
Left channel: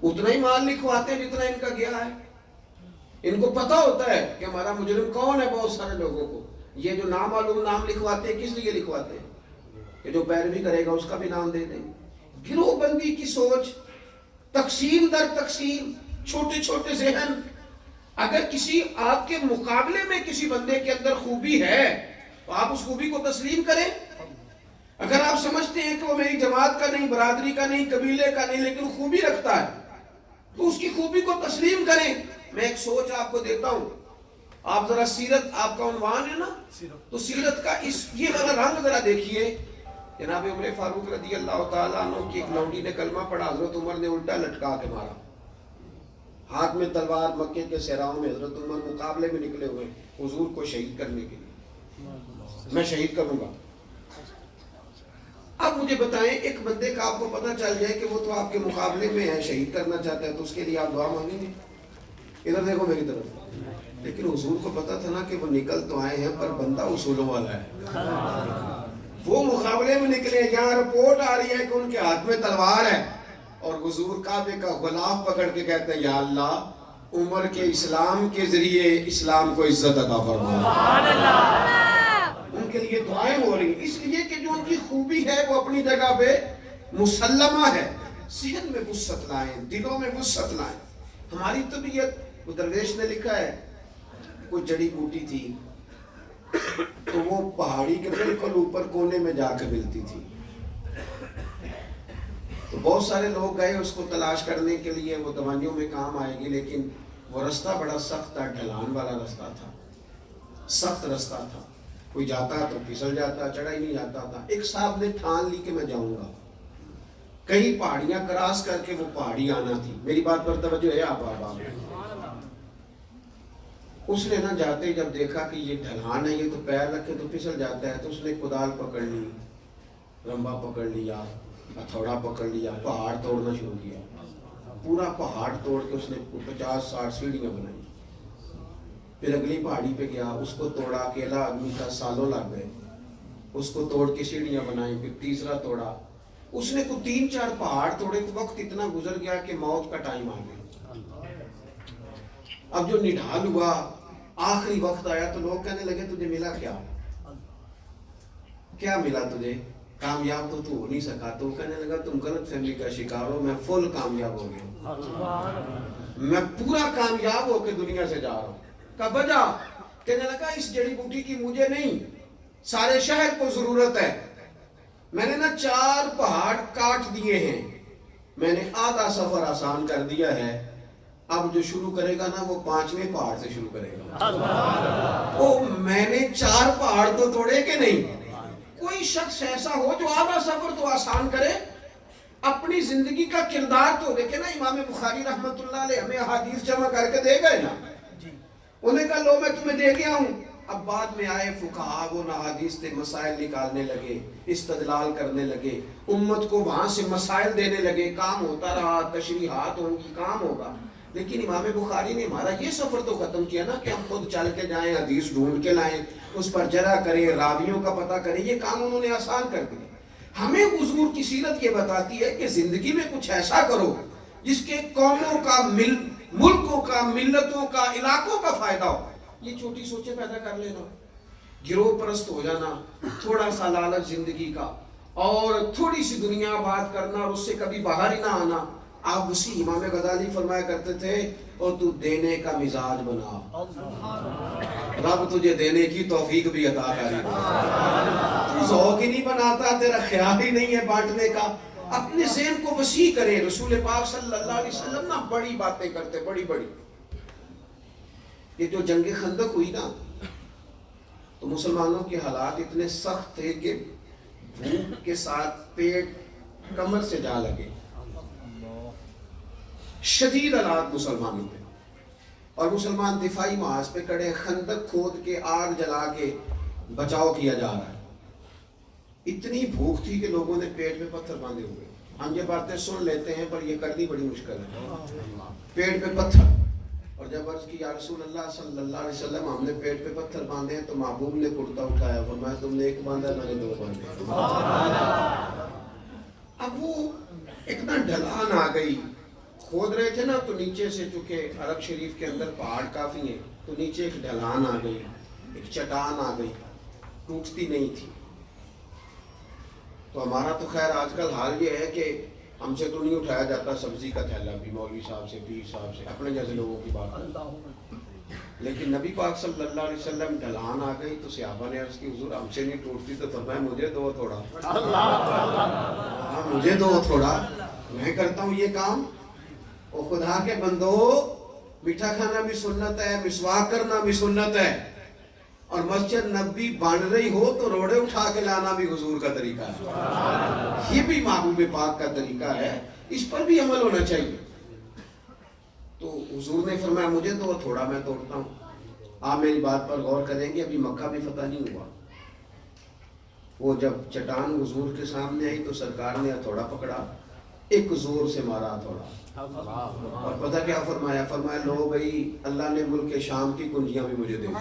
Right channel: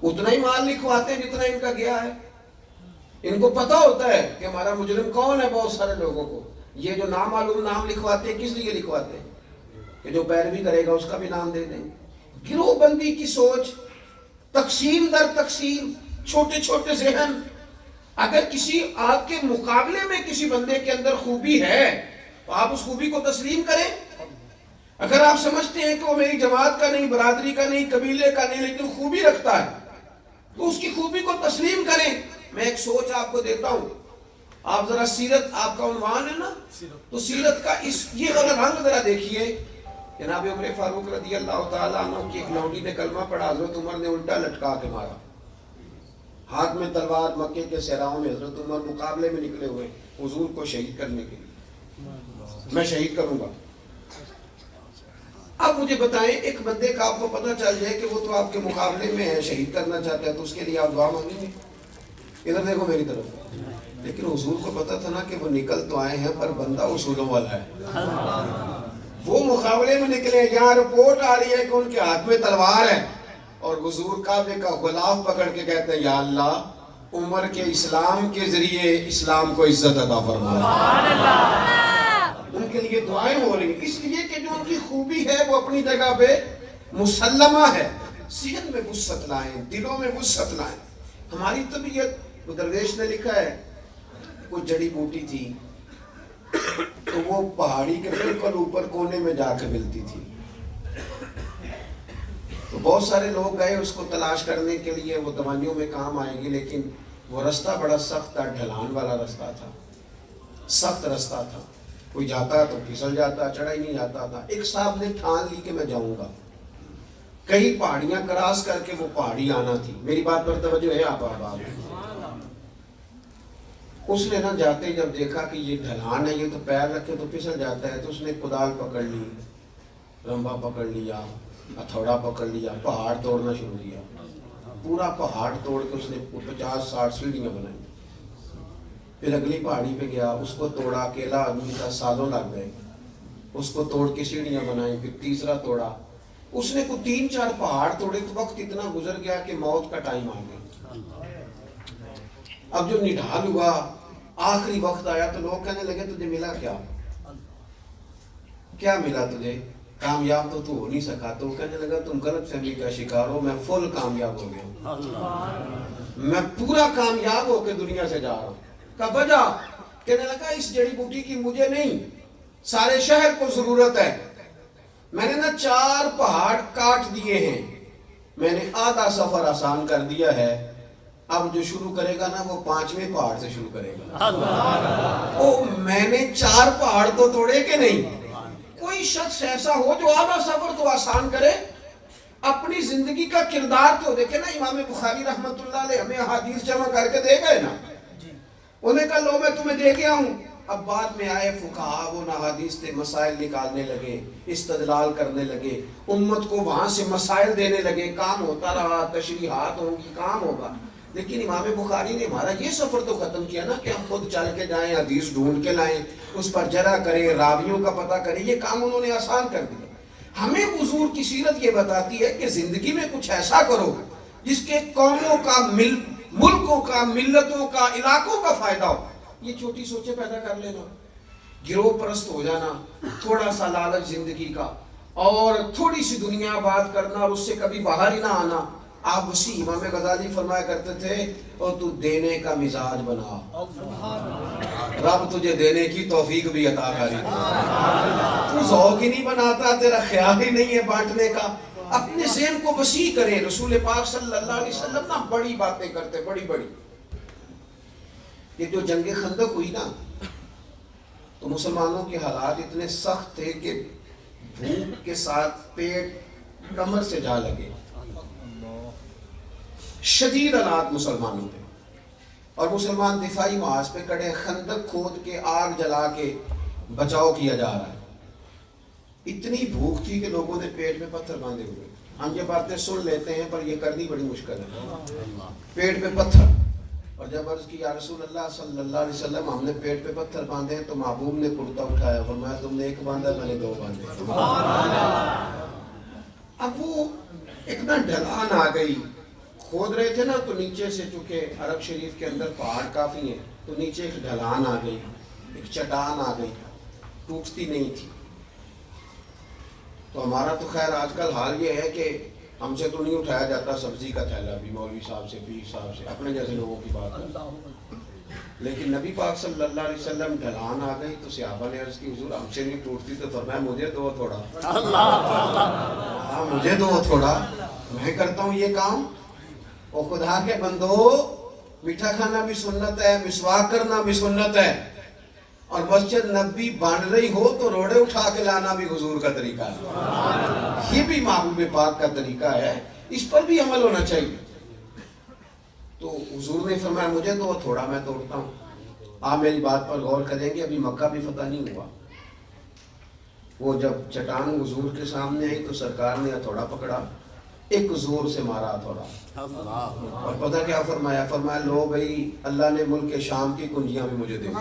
اتنا ہی مال لکھواتے ہیں جتنا ان کا گیا ہے۔ ان کو پتہ ہوتا ہے کہ ہمارا مجرم کون ہے، بہت سارے لوگوں کو۔ یہ جو نامعلوم نام لکھواتے ہیں کس لیے لکھواتے ہیں؟ کہ جو پیروی کرے گا اس کا بھی نام دے دیں۔ گروہ بندی کی سوچ، تقسیم در تقسیم، چھوٹے چھوٹے ذہن۔ اگر کسی آپ کے مقابلے میں کسی بندے کے اندر خوبی ہے تو آپ اس خوبی کو تسلیم کریں۔ اگر آپ سمجھتے ہیں کہ وہ میری جماعت کا نہیں، برادری کا نہیں، قبیلے کا نہیں، لیکن خوبی رکھتا ہے تو اس کی خوبی کو تسلیم کریں۔ میں ایک سوچ آپ کو دیتا ہوں، آپ ذرا سیرت، آپ کا عنوان ہے نا، تو سیرت کا یہ والا رنگ ذرا دیکھیے۔ جناب عمر فاروق رضی اللہ تعالیٰ عنہ کی ایک لونڈی نے کلمہ پڑھا، حضرت عمر نے الٹا لٹکا کے مارا، ہاتھ میں تلوار، مکے کے صحراؤں میں حضرت عمر مقابلے میں نکلے ہوئے حضور کو شہید کرنے کے لیے، میں شہید کروں گا۔ اب مجھے بتائیں، ایک بندے کا آپ کو پتہ چل جائے کہ وہ تو آپ کے مقابلے میں ہے، شہید کرنا چاہتا ہے، تو اس کے لیے آپ دعا مانگیں گے؟ ادھر دیکھو میری طرف، لیکن حضور کو پتا تھا نا کہ وہ نکل تو آئے ہیں پر بندہ اصولوں والا ہے. وہ مقابلے میں نکلے, یہاں رپورٹ آ رہی ہے کہ ان کے ہاتھ میں تلوار ہے, اور حضور کعبے کا غلاف پکڑ کے کہتے ہیں یا اللہ عمر کے اسلام کے ذریعے اسلام کو عزت عطا فرما. ان کے لیے دعائیں ہو رہی ہیں, اس لیے کہ جو ان کی خوبی ہے وہ اپنی جگہ پہ مسلمہ ہے. ذہن میں وسعت لائیں, دلوں میں وسعت لائیں. ہماری طبیعت, درویش نے لکھا ہے کوئی جڑی بوٹی تھی تو وہ پہاڑی کے بالکل اوپر کونے میں جا کے ملتی تھی, تو بہت سارے لوگ گئے اس کو تلاش کرنے کے لیے, وہ دوائیوں میں کام آئے گی, لیکن وہ رستہ بڑا سخت تھا, ڈھلان والا رستہ تھا, سخت رستہ تھا, کوئی جاتا تو پھسل جاتا, چڑھا ہی نہیں جاتا تھا. ایک صاحب نے ٹھان لی کہ میں جاؤں گا, کئی پہاڑیاں کراس کر کے وہ پہاڑی آنا تھی. میری بات پر توجہ ہے آپ اس نے نا جاتے جب دیکھا کہ یہ ڈھلان ہے, یہ تو پیر رکھے تو پھسل جاتا ہے, تو اس نے کدال پکڑ لی, رمبا پکڑ لیا, ہتھوڑا پکڑ لیا, پہاڑ توڑنا شروع کیا. پورا پہاڑ توڑ کے اس نے 50-60 سیڑھیاں بنائی. پھر اگلی پہاڑی پہ گیا, اس کو توڑا, اکیلا آدمی کا, سالوں لگ گئے, اس کو توڑ کے سیڑھیاں بنائی. پھر تیسرا توڑا, اس نے کو 3-4 پہاڑ توڑے تو وقت اتنا گزر گیا کہ موت کا ٹائم آ گیا. اب جو نڈھال ہوا, آخری وقت آیا تو لوگ کہنے لگے تجھے ملا کیا, کیا ملا تجھے, کامیاب تو ہو نہیں سکا. تو کہنے لگا تم غلط فہمی کا شکار ہو, میں فل کامیاب ہو گیا, میں پورا کامیاب ہو کے دنیا سے جا رہا ہوں. کا وجہ کہنے لگا اس جڑی بوٹی کی مجھے نہیں, سارے شہر کو ضرورت ہے. میں نے نا 4 پہاڑ کاٹ دیے ہیں, میں نے آدھا سفر آسان کر دیا ہے. اب جو شروع کرے گا نا وہ 5ویں پہاڑ سے شروع کرے گا. او میں نے 4 پہاڑ تو توڑے کہ نہیں. کوئی شخص ایسا ہو جو آدھا سفر تو آسان کرے, اپنی زندگی کا کردار تو دیکھے نا. امام بخاری رحمت اللہ علیہ ہمیں حدیث جمع کر کے دے گئے نا, انہیں کہا لو میں تمہیں دے گیا ہوں. اب بعد میں آئے فقہا, وہ حدیث سے مسائل نکالنے لگے, استدلال کرنے لگے, امت کو وہاں سے مسائل دینے لگے. کام ہوتا رہا, تشریحات ہوں, کام ہوگا. لیکن امام بخاری نے ہمارا یہ سفر تو ختم کیا نا کہ ہم خود چل کے جائیں, حدیث ڈھونڈ کے لائیں, اس پر جرح کریں, راویوں کا پتہ کریں. یہ کام انہوں نے آسان کر دیا. ہمیں حضور کی سیرت یہ بتاتی ہے کہ زندگی میں کچھ ایسا کرو جس کے قوموں کا, ملکوں کا, ملتوں کا, علاقوں کا فائدہ ہو. یہ چھوٹی سوچیں پیدا کر لینا, گروہ پرست ہو جانا, تھوڑا سا لالچ زندگی کا, اور تھوڑی سی دنیا بات کرنا, اور اس سے کبھی باہر ہی نہ آنا. آپ اسی امام غزالی فرمایا کرتے تھے, اور تو دینے کا مزاج بنا, رب تجھے دینے کی توفیق بھی عطا کرے. تو ذوق ہی نہیں بناتا, تیرا خیال ہی نہیں ہے بانٹنے کا. اپنے ذہن کو وسیع کرے. رسول پاک صلی اللہ علیہ وسلم نا بڑی باتیں کرتے, بڑی بڑی. یہ جو جنگ خندق ہوئی نا تو مسلمانوں کے حالات اتنے سخت تھے کہ بھوک کے ساتھ پیٹ کمر سے جا لگے. شدید حالات مسلمانوں پہ, اور مسلمان دفاعی محاذ پہ کڑے, خندق کھود کے, آگ جلا کے بچاؤ کیا جا رہا ہے. اتنی بھوک تھی کہ لوگوں نے پیٹ میں پتھر باندھے ہوئے. ہم یہ باتیں سن لیتے ہیں پر یہ کرنی بڑی مشکل ہے. پیٹ میں پتھر, اور جب عرض کی یا رسول اللہ صلی اللہ علیہ وسلم ہم نے پیٹ پہ پتھر باندھے تو محبوب نے کرتا اٹھایا, فرمایا تم نے 1 باندھا, میں نے 2 باندھے. اب وہ اتنا ڈھلان آ گئی, کھود رہے تھے نا تو نیچے سے, چونکہ عرب شریف کے اندر پہاڑ کافی ہیں, تو نیچے ایک ڈھلان آ گئی, ایک چٹان آ گئی, ٹوٹتی نہیں تھی. تو ہمارا تو خیر آج کل حال یہ ہے کہ ہم سے تو نہیں اٹھایا جاتا سبزی کا تھیلا بھی, مولوی صاحب سے, پیر صاحب سے, اپنے جیسے لوگوں کی بات ہے. لیکن نبی پاک صلی اللہ علیہ وسلم ڈھلان آ گئی تو صحابہ نے عرض کی حضور ہم سے نہیں ٹوٹتی, تو فرمایا مجھے دو تھوڑا, ہاں مجھے دو تھوڑا, میں کرتا ہوں یہ کام. اور خدا کے بندو, میٹھا کھانا بھی سنت ہے, مسواک کرنا بھی سنت ہے, اور مسجد نبی بن رہی ہو تو روڑے اٹھا کے لانا بھی حضور کا طریقہ ہے. یہ بھی محبوب پاک کا طریقہ ہے, اس پر بھی عمل ہونا چاہیے. تو حضور نے فرمایا مجھے دو تھوڑا, میں توڑتا ہوں. آپ میری بات پر غور کریں گے, ابھی مکہ بھی فتح نہیں ہوا. وہ جب چٹان حضور کے سامنے آئی تو سرکار نے ہتھوڑا پکڑا, ایک زور سے مارا تھوڑا. اور پتہ کیا فرمایا؟ فرمایا لو بھائی اللہ نے ملک شام کی کنجیاں بھی مجھے دے دی،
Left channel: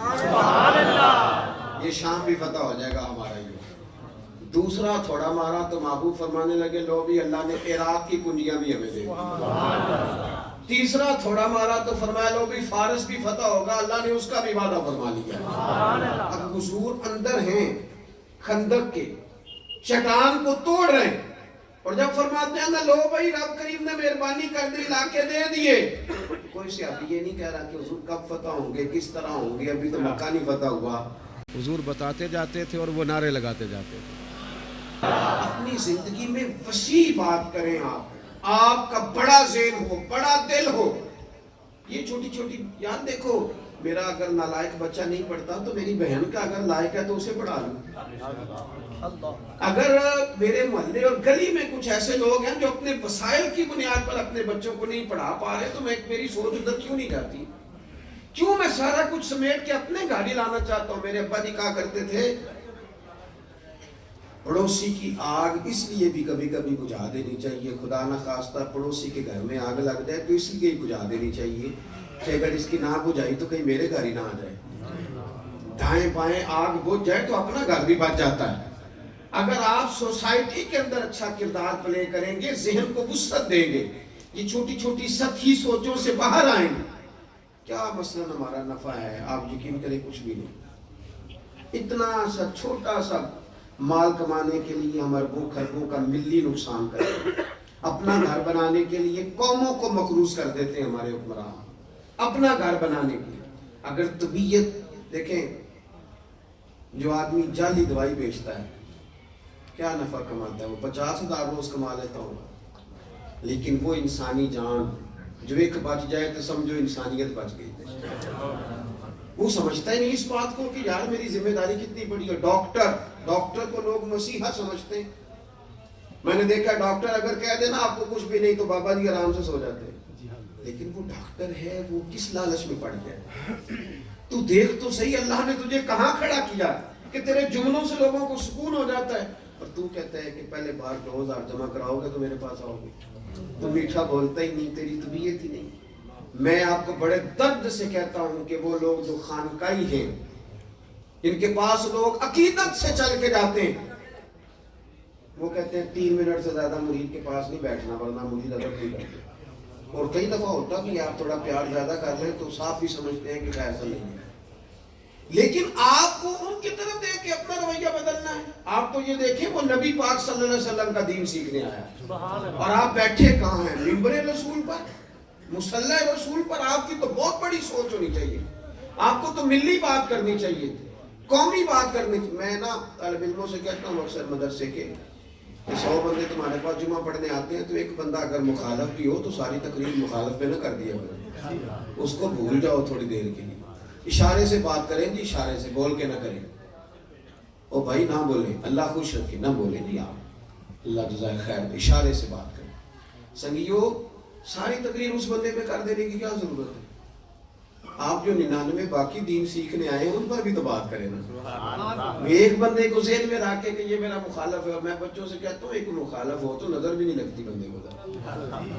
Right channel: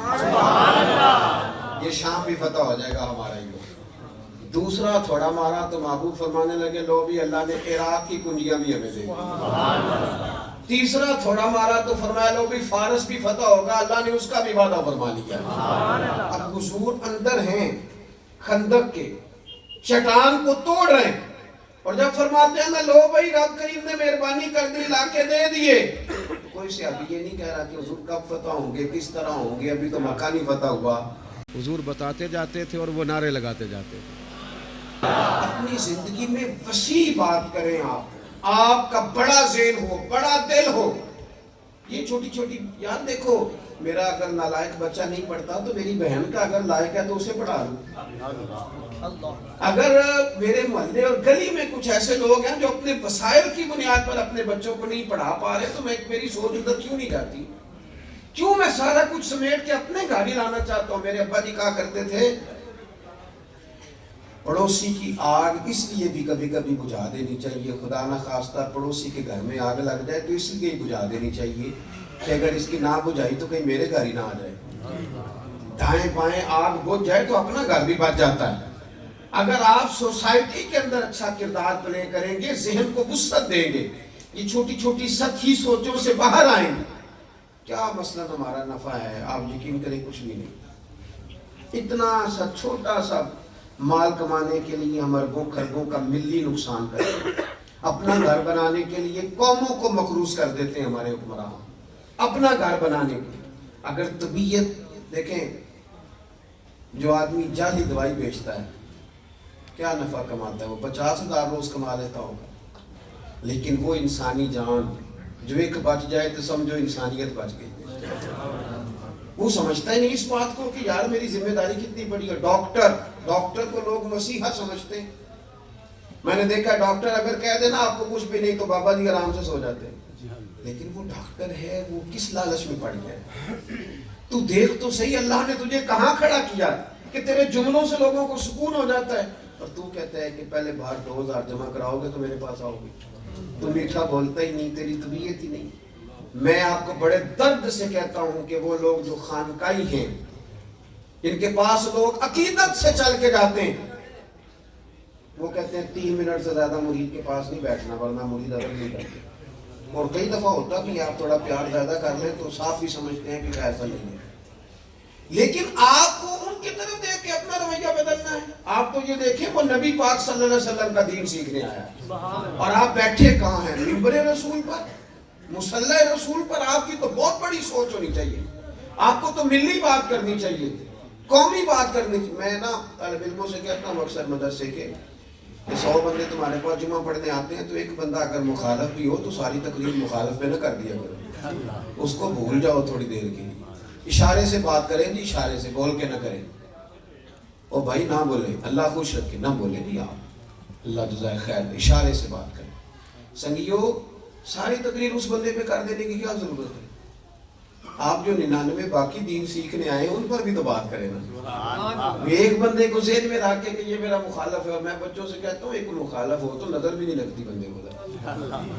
یہ شام بھی فتح ہو جائے گا ہمارا ہی. دوسرا تھوڑا مارا تو محبوب فرمانے لگے لو بھی اللہ نے عراق کی کنجیاں بھی ہمیں دے دی. تیسرا تھوڑا مارا تو فرمایا لو بھی فارس بھی فتح ہوگا، اللہ نے اس کا بھی وعدہ فرما لیا. اب حضور اندر ہیں خندق کے، چٹان کو توڑ رہے ہیں، اور جب فرماتے ہیں نا لو بھائی رب کریم نے مہربانی کر دی علاقے دے دیے، کوئی سے ابھی یہ نہیں کہہ رہا کہ حضور کب فتح ہوں گے، کس طرح ہوں گے، ابھی تو مکہ نہیں فتح ہوا. حضور بتاتے جاتے تھے اور وہ نعرے لگاتے جاتے تھے. اپنی زندگی میں وسیع بات کریں، آپ کا بڑا ذہن ہو، بڑا دل ہو. یہ چھوٹی چھوٹی یاد دیکھو، میرا اگر نالائق بچہ نہیں پڑھتا تو میری بہن کا اگر لائق ہے تو اسے پڑھا لوں. اگر میرے محلے اور گلی میں کچھ ایسے لوگ ہیں جو اپنے وسائل کی بنیاد پر اپنے بچوں کو نہیں پڑھا پا رہے تو میری سوچ ادھر کیوں نہیں جاتی؟ کیوں میں سارا کچھ سمیٹ کے اپنے گاڑی لانا چاہتا ہوں؟ میرے ابا جی کہا کرتے تھے پڑوسی کی آگ اس لیے بھی کبھی کبھی بجھا دینی چاہیے، خدا نہ خواستہ پڑوسی کے گھر میں آگ لگ جائے تو اس لیے ہی بجھا دینی چاہیے کہ اگر اس کی نہ بجھائی تو کہیں میرے گھر ہی نہ آ جائے. دائیں بائیں آگ بجھ جائے تو اپنا گھر بھی بچ جاتا ہے. اگر آپ سوسائٹی کے اندر اچھا کردار پلے کریں گے، ذہن کو وسعت دیں گے، یہ چھوٹی چھوٹی سطحی سوچوں سے باہر آئیں گے، کیا مثلا ہمارا نفع ہے؟ آپ یقین کریں کچھ بھی نہیں. اتنا سا چھوٹا سا مال کمانے کے لیے ہم اربوں خربوں کا ملی نقصان کرتے ہیں. اپنا گھر بنانے کے لیے قوموں کو مقروض کر دیتے ہیں ہمارے حکمران، اپنا گھر بنانے کے لیے. اگر طبیعت دیکھیں، جو آدمی جعلی دوائی بیچتا ہے کیا نفع کماتا ہے؟ وہ 50,000 روز کما لیتا ہوگا، لیکن وہ انسانی جان جو ایک بچ جائے تو سمجھو انسانیت بچ گئی. وہ سمجھتا ہی نہیں اس بات کو کہ یار میری ذمہ داری کتنی بڑی ہے. ڈاکٹر کو لوگ مسیحا سمجھتے ہیں. میں نے دیکھا ڈاکٹر اگر کہہ دینا آپ کو کچھ بھی نہیں تو بابا جی آرام سے سو جاتے ہیں، لیکن وہ ڈاکٹر ہے، وہ کس لالچ میں پڑ گیا؟ تو دیکھ تو صحیح اللہ نے تجھے کہاں کھڑا کیا کہ تیرے جملوں سے لوگوں کو سکون ہو جاتا ہے، اور تو کہتا ہے کہ پہلے باہر 2,000 جمع کراؤ گے تو میرے پاس آؤ گے. تو میٹھا بولتا ہی نہیں، تیری طبیعت ہی نہیں. میں آپ کو بڑے درد سے کہتا ہوں کہ وہ لوگ جو خانقائی ہیں، ان کے پاس لوگ عقیدت سے چل کے جاتے ہیں، وہ کہتے ہیں 3 منٹ سے زیادہ مرید کے پاس نہیں بیٹھنا ورنہ مرید ادب نہیں کرتے. اور کئی دفعہ ہوتا کہ آپ تھوڑا پیار زیادہ کر لیں تو صاف بھی سمجھتے ہیں کہ ایسا نہیں ہے. لیکن آپ کو ان کی طرف دیکھ کے اپنا رویہ بدلنا ہے. آپ تو یہ دیکھیں وہ نبی پاک صلی اللہ علیہ وسلم کا دین سیکھنے آیا ہے، اور آپ بیٹھے کہاں ہیں؟ منبر رسول پر، مصلی رسول پر. آپ کی تو بہت بڑی سوچ ہونی چاہیے. آپ کو تو ملی بات کرنی چاہیے تھی، قومی بات کرنی تھی. میں نا طالب علموں سے کہتا ہوں اکثر مدرسے کے کہ 100 بندے تمہارے پاس جمعہ پڑھنے آتے ہیں تو ایک بندہ اگر مخالف بھی ہو تو ساری تقریر مخالف پہ نہ کر دیا کرو، اس کو بھول جاؤ تھوڑی دیر کے لیے. اشارے سے بات کریں جی، اشارے سے، بول کے نہ کریں. او بھائی نہ بولے، اللہ خوش رکھے، نہ بولے جی آپ، اللہ جزائے خیر، اشارے سے بات کریں. سنگیو ساری تقریر اس بندے پہ کر دینے کی کیا ضرورت ہے؟ آپ جو 99 باقی دین سیکھنے آئے ہیں ان پر بھی تو بات کریں نا. ایک بندے کو ذہن میں رکھ کے کہ یہ میرا مخالف ہے. میں بچوں سے کہتا ہوں ایک مخالف ہو تو نظر بھی نہیں لگتی بندے کو،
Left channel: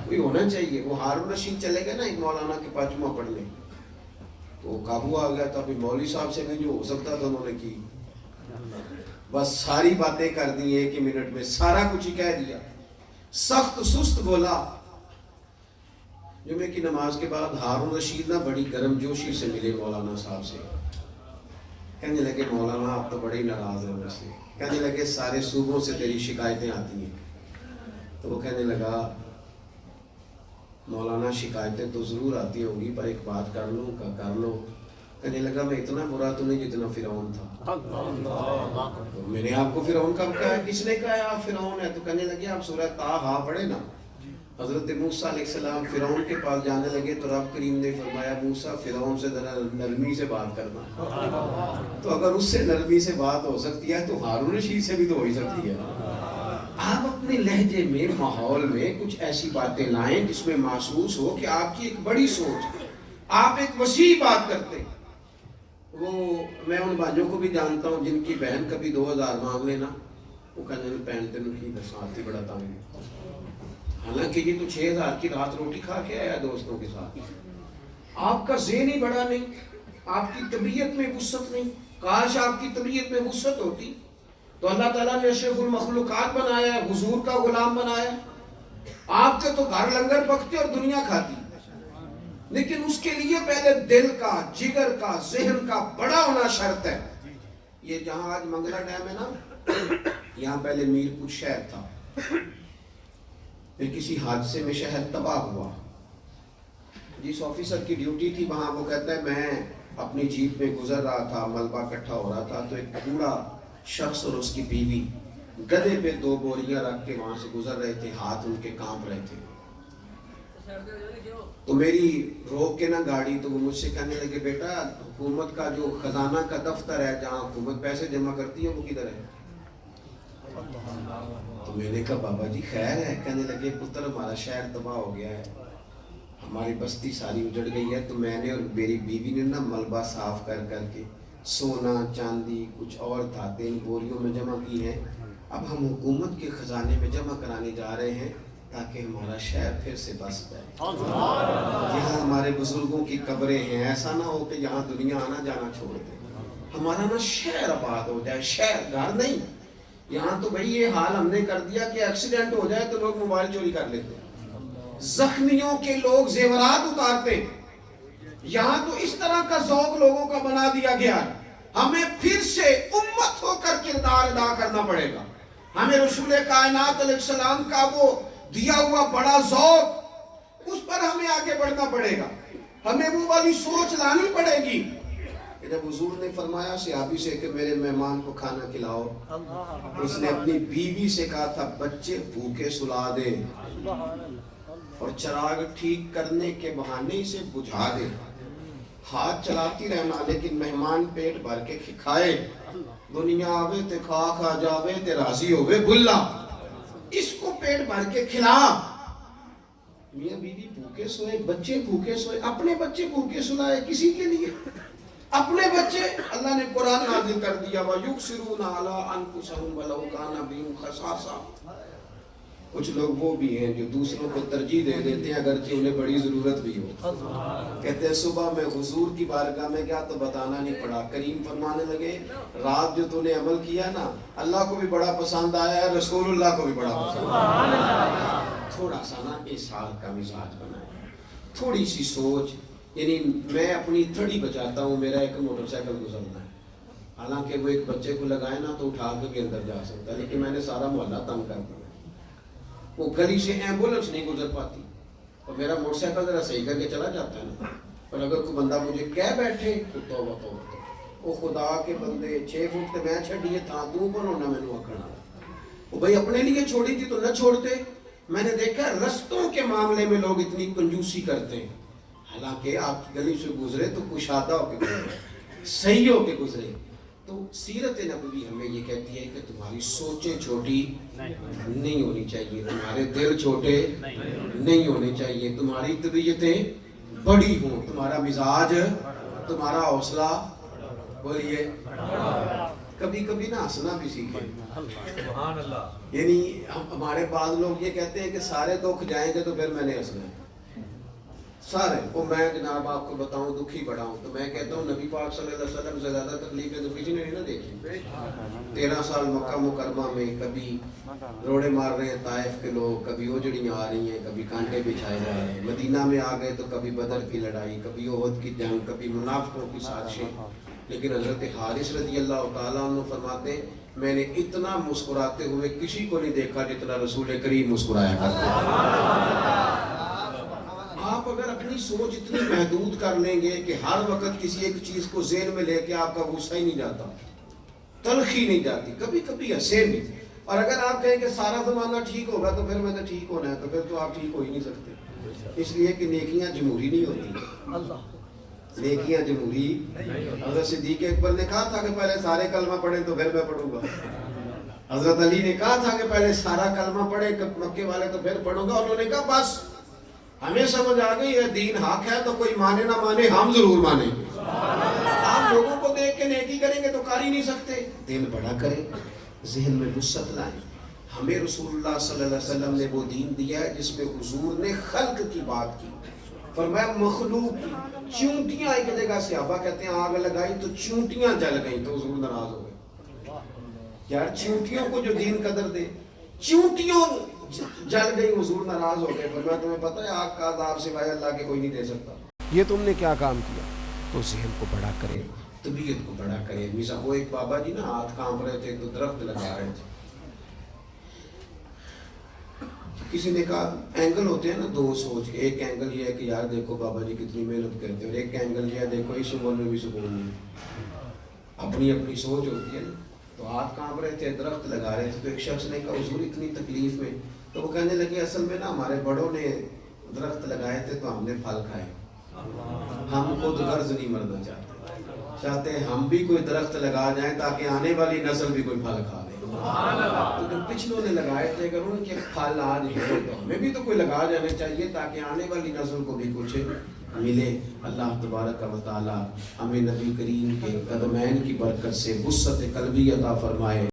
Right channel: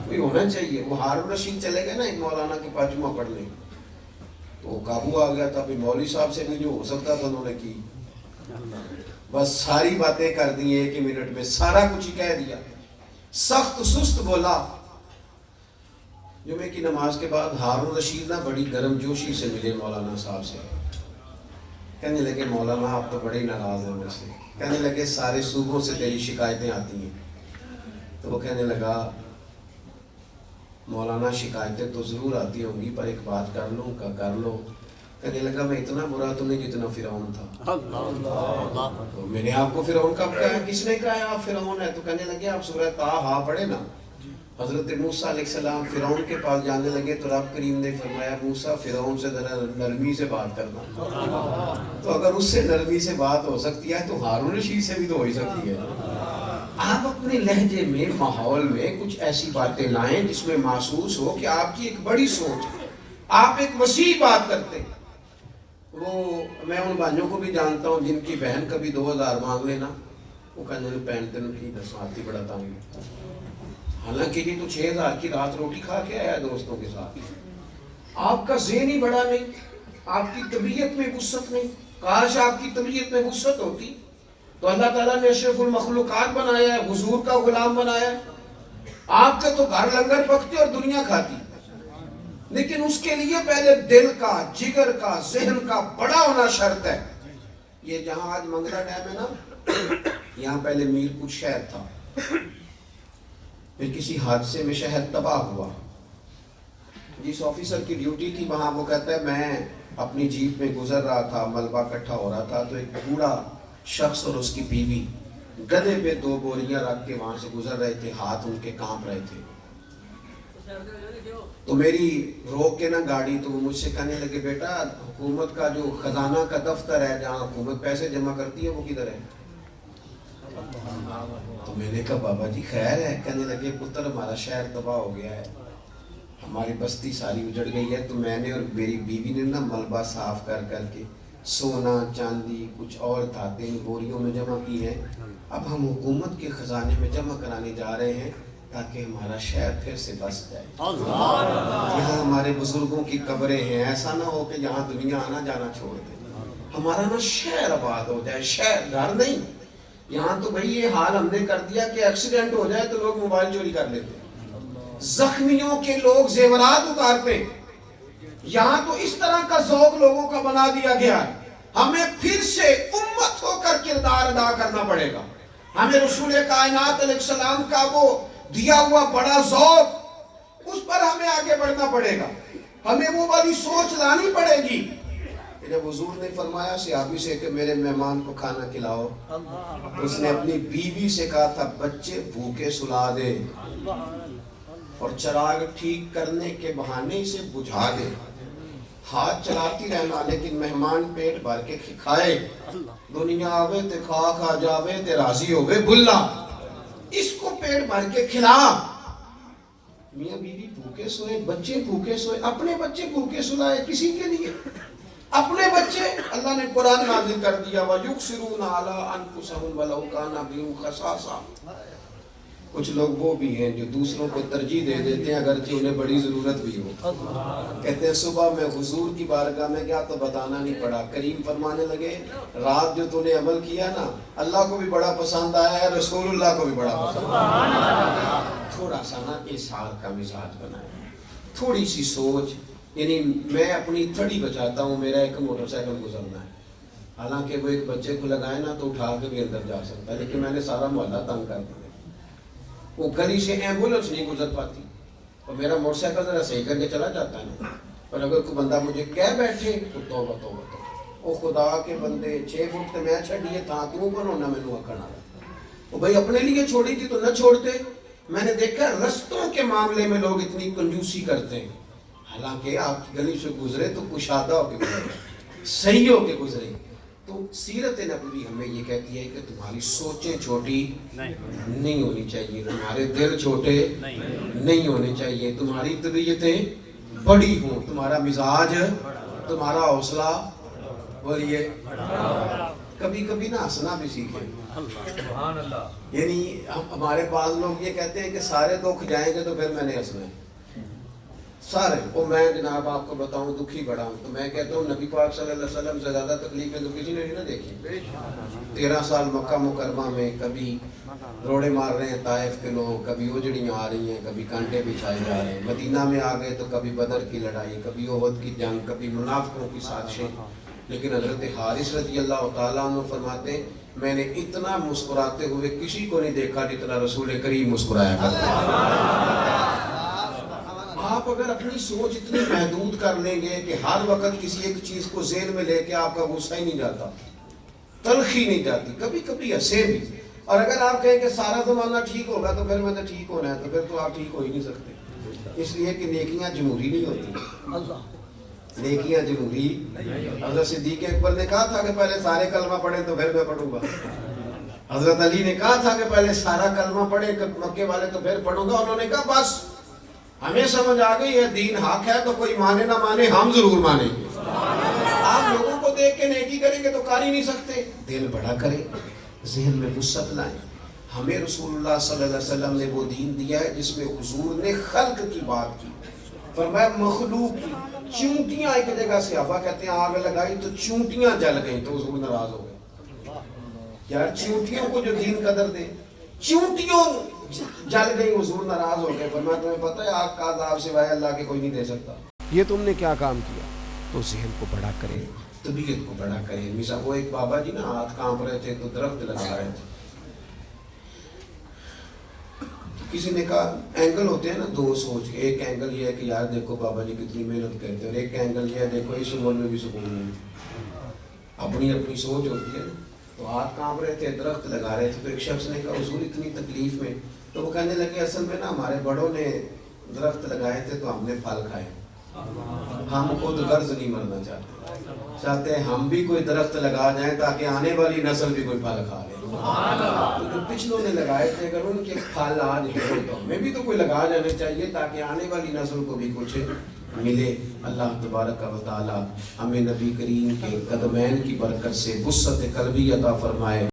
کوئی ہونا چاہیے. وہ ہارون رشید چلے گئے نا ایک مولانا کے پاس جمعہ پڑھنے، تو قابو آ گیا تھا. ابھی مولوی صاحب سے بھی جو ہو سکتا تھا انہوں نے کی، بس ساری باتیں کر دی 1 منٹ میں، سارا کچھ ہی کہہ دیا. سخت سست بولا. جمعے کی نماز کے بعد ہارون رشید نہ بڑی گرم جوشی سے ملے مولانا صاحب سے. کہنے لگے مولانا آپ تو بڑے ناراض ہیں مجھ سے. کہنے لگے سارے صوبوں سے تیری شکایتیں آتی ہیں. تو وہ کہنے لگا مولانا شکایتیں تو ضرور آتی ہوں گی پر ایک بات کر لوں کا کر لو. کہنے لگا میں اتنا برا تو نہیں جتنا فرعون تھا. تو میں نے آپ کو فرعون کب کہا؟ کس نے کہا آپ فرعون ہے؟ تو کہنے لگے آپ سورہ طٰہٰ پڑھے نا. حضرت موسیٰ علیہ السلام فرعون کے پاس جانے لگے تو رب کریم نے فرمایا موسیٰ فرعون سے ذرا نرمی سے بات کرنا. تو اگر اس سے نرمی سے بات ہو سکتی ہے تو ہارون رشید سے بھی تو ہو ہی سکتی ہے. آپ اپنے لہجے میں، ماحول میں کچھ ایسی باتیں لائیں جس میں محسوس ہو کہ آپ کی ایک بڑی سوچ ہے، آپ ایک وسیع بات کرتے. وہ میں ان بھائیوں کو بھی جانتا ہوں جن کی بہن کبھی 2,000 مانگ لینا، وہ کہنے لگے بہن تینوں کی دساں آتی بڑا تانگی. حالانکہ یہ تو 6,000 کی رات روٹی کھا کے آیا دوستوں کے ساتھ. آپ کا ذہن ہی بڑا نہیں, آپ کی طبیعت میں وسعت نہیں. کاش آپ کی طبیعت میں وسعت ہوتی تو اللہ تعالیٰ نے اشرف المخلوقات بنایا, حضور کا غلام بنایا. آپ کے تو گھر لنگر پکتے اور دنیا کھاتی, لیکن اس کے لیے پہلے دل کا, جگر کا, ذہن کا بڑا ہونا شرط ہے. یہ جہاں آج منگلا ڈیم ہے نا, یہاں پہلے میر کچھ شہر تھا, پھر کسی حادثے میں شہر تباہ ہوا. جس آفیسر کی ڈیوٹی تھی وہاں, وہ کہتا ہے میں اپنی جیپ میں گزر رہا تھا, ملبہ اکٹھا ہو رہا تھا, تو ایک بوڑھا شخص اور اس کی بیوی گدھے پہ 2 بوریاں رکھ کے وہاں سے گزر رہے تھے, ہاتھ ان کے کانپ رہے تھے. تو میری روک کے نا گاڑی, تو وہ مجھ سے کہنے لگے بیٹا حکومت کا جو خزانہ کا دفتر ہے جہاں حکومت پیسے جمع کرتی ہے وہ کدھر ہے؟ تو میں نے کہا بابا جی خیر ہے. کہنے لگے پتر ہمارا شہر تباہ ہو گیا ہے, ہماری بستی ساری اجڑ گئی ہے, تو میں نے اور میری بیوی نے نا ملبہ صاف کر کر کے سونا چاندی کچھ اور دھاتیں بوریوں میں جمع کی ہیں. اب ہم حکومت کے خزانے میں جمع کرانے جا رہے ہیں تاکہ ہمارا شہر پھر سے بس جائے. یہاں ہمارے بزرگوں کی قبریں ہیں, ایسا نہ ہو کہ یہاں دنیا آنا جانا چھوڑ دے. ہمارا نا شہر آباد ہو جائے, شہر گھر نہیں. یہاں تو بھئی یہ حال ہم نے کر دیا کہ ایکسیڈنٹ ہو جائے تو لوگ موبائل چوری کر لیتے, زخمیوں کے لوگ زیورات اتارتے. یہاں تو اس طرح کا ذوق لوگوں کا بنا دیا گیا ہے. ہمیں پھر سے امت ہو کر کردار ادا کرنا پڑے گا. ہمیں رسول کائنات علیہ السلام کا وہ دیا ہوا بڑا ذوق, اس پر ہمیں آگے بڑھنا پڑے گا. ہمیں وہ والی سوچ لانی پڑے گی. جب حضور نے فرمایا صحابی سے کہ میرے مہمان کو کھانا کھلاؤ, تو اس نے اپنی بیوی سے کہا تھا بچے بھوکے سلا دے اور چراغ ٹھیک کرنے کے بہانے اسے بجھا دے. ہاتھ چلاتی رہنا لیکن مہمان پیٹ بھر کے کھائے. دنیا آوے تے کھا جاوے تے راضی ہوئے بھلا, اس کو پیٹ بھر کے کھلا. میاں بیوی بھوکے سوئے, بچے بھوکے سوئے, اپنے بچے بھوکے سلائے کسی کے لیے. اپنے بچے اللہ نے قرآن نازل کر دیا وَيُقْصِرُونَ عَلَىٰ أَنفُسَهُمْ وَلَوْ كَانَ بِهِمْ خَصَاصَةٌ. کچھ لوگ وہ بھی ہیں جو دوسروں کو ترجیح دے دیتے ہیں اگرچہ انہیں بڑی ضرورت بھی ہو. کہتے ہیں صبح میں حضور کی بارگاہ میں گیا تو بتانا نہیں پڑا. کریم فرمانے لگے رات جو تو نے عمل کیا نا اللہ کو بھی بڑا پسند آیا ہے, رسول اللہ کو بھی بڑا پسند آیا. تھوڑا سا نا اظہار کا مزاج بنائے, تھوڑی سی سوچ. یعنی میں اپنی تھڑی بچاتا ہوں, میرا ایک موٹر سائیکل گزرنا ہے, حالانکہ وہ ایک بچے کو لگائے نا تو اٹھا کے بھی اندر جا سکتا ہے, لیکن میں نے سارا محلہ تنگ کر دیا. وہ گلی سے ایمبولنس نہیں گزر پاتی اور میرا موٹر سائیکل ذرا صحیح کر کے چلا جاتا ہے نا. اور اگر کوئی بندہ مجھے کہہ بیٹھے تو توبہ توبہ توبہ, او خدا کے بندے 6 فٹ تے میں چھڑیے تھا تو کون نہ مینوں اکھنا. وہ بھائی اپنے لیے چھوڑی تھی تو نہ چھوڑتے. میں نے دیکھا رستوں کے معاملے میں لوگ اتنی کنجوسی کرتے ہیں, حالانکہ آپ کی گلی سے گزرے تو کشادہ ہو کے گزرے, صحیح ہو کے گزرے. تو سیرت نبوی ہمیں یہ کہتی ہے کہ تمہاری سوچیں چھوٹی نہیں ہونی چاہیے, تمہارے دل چھوٹے نہیں ہونے چاہیے, تمہاری طبیعتیں بڑی ہوں, تمہارا مزاج, تمہارا حوصلہ بولیے کبھی کبھی نہ ہنسنا بھی سیکھیں. یعنی ہمارے بعض لوگ یہ کہتے ہیں کہ سارے دکھ جائیں گے تو پھر میں نے ہنسنا ہے. سارے وہ میں جناب آپ کو بتاؤں دکھی بڑا ہوں, تو میں کہتا ہوں نبی پاک صلی اللہ علیہ وسلم سے زیادہ تکلیفیں تو کسی نے نہیں نہ دیکھی. 13 سال مکہ مکرمہ میں کبھی روڑے مار رہے ہیں طائف کے لوگ, کبھی اجڑیاں آ رہی ہیں, کبھی کانٹے بچھائے جا رہے ہیں. مدینہ میں آ گئے تو کبھی بدر کی لڑائی, کبھی احد کی جنگ, کبھی منافقوں کی سازشیں. لیکن حضرت حارث رضی اللہ تعالیٰ عنہ فرماتے ہیں میں نے اتنا مسکراتے ہوئے کسی کو نہیں دیکھا جتنا رسول کریم مسکرایا کرتے. آپ اگر اپنی سوچ اتنی محدود کر لیں گے کہ ہر وقت کسی ایک چیز کو ذہن میں لے کے آپ کا غصہ ہی نہیں جاتا, تلخی نہیں جاتی, کبھی کبھی ہنسے بھی. اور اگر آپ کہیں کہ سارا زمانہ ٹھیک ہوگا تو پھر میں نے ٹھیک ہونا ہے, تو پھر تو آپ ٹھیک ہو ہی نہیں سکتے. اس لیے کہ نیکیاں جمہوری نہیں ہوتی, نیکیاں جمہوری. حضرت صدیق اکبر نے کہا تھا کہ پہلے سارے کلمہ پڑھیں تو پھر میں پڑھوں گا. حضرت علی نے کہا تھا کہ پہلے سارا کلمہ پڑھیں مکے والے تو پھر پڑھوں گا. انہوں نے کہا بس ہمیں سمجھ آ گئی ہے دین حق ہے, تو کوئی مانے نہ مانے ہم ضرور مانیں گے. آپ لوگوں کو دیکھ کے نیکی کریں گے تو کر ہی نہیں سکتے. دل بڑا کریں, ذہن میں وسعت لائیں, ہمیں رسول اللہ صلی اللہ علیہ وسلم نے وہ دین دیا ہے جس میں حضور نے خلق کی بات کی. فرمایا مخلوق کی چونٹیاں ایک جگہ سے صحابہ کہتے ہیں آگ لگائی تو چونٹیاں جل گئیں تو حضور ناراض ہو گئے. یار چونٹیوں کو جو دین قدر دے, چونٹیوں جل گئی حضور ناراض ہو گئے. فرمایا تمہیں پتہ ہے آگ کا عذاب سوائے اللہ کے کوئی نہیں دے سکتا. یہ تم نے کیا کام کیا؟ تو ذہن کو بڑا کرے, طبیعت کو بڑا کرے. میزا وہ ایک بابا جی نا ہاتھ کانپ رہے تھے تو درخت لگا رہے تھے. کسی نے کہا اینگل ہوتے ہیں نا دو سوچ کے, ایک اینگل یہ ہے کہ یار دیکھو بابا جی کتنی محنت کرتے ہیں, اور ایک اینگل یہ ہے دیکھو اس عمر میں بھی سکون نہیں. اپنی اپنی سوچ ہوتی ہے نا. تو ہاتھ کانپ رہے تھے, درخت لگا رہے تھے. تو ایک شخص نے کہا حضور اتنی تکلیف میں, تو وہ کہنے لگے اصل میں نا ہمارے بڑوں نے درخت لگائے تھے تو ہم نے پھل کھائے, ہم خود غرض نہیں مرنا چاہتے ہیں ہم بھی کوئی درخت لگا جائیں تاکہ آنے والی نسل بھی کوئی پھل کھا لے. تو جو پچھلوں نے لگائے تھے اگر ان کے پھل آج ہیں تو ہمیں بھی تو کوئی لگا جانے چاہیے تاکہ آنے والی نسل کو بھی کچھ ملے. اللہ تبارک و تعالی ہمیں نبی کریم کے قدمین کی برکت سے وسعت قلبی عطا فرمائے.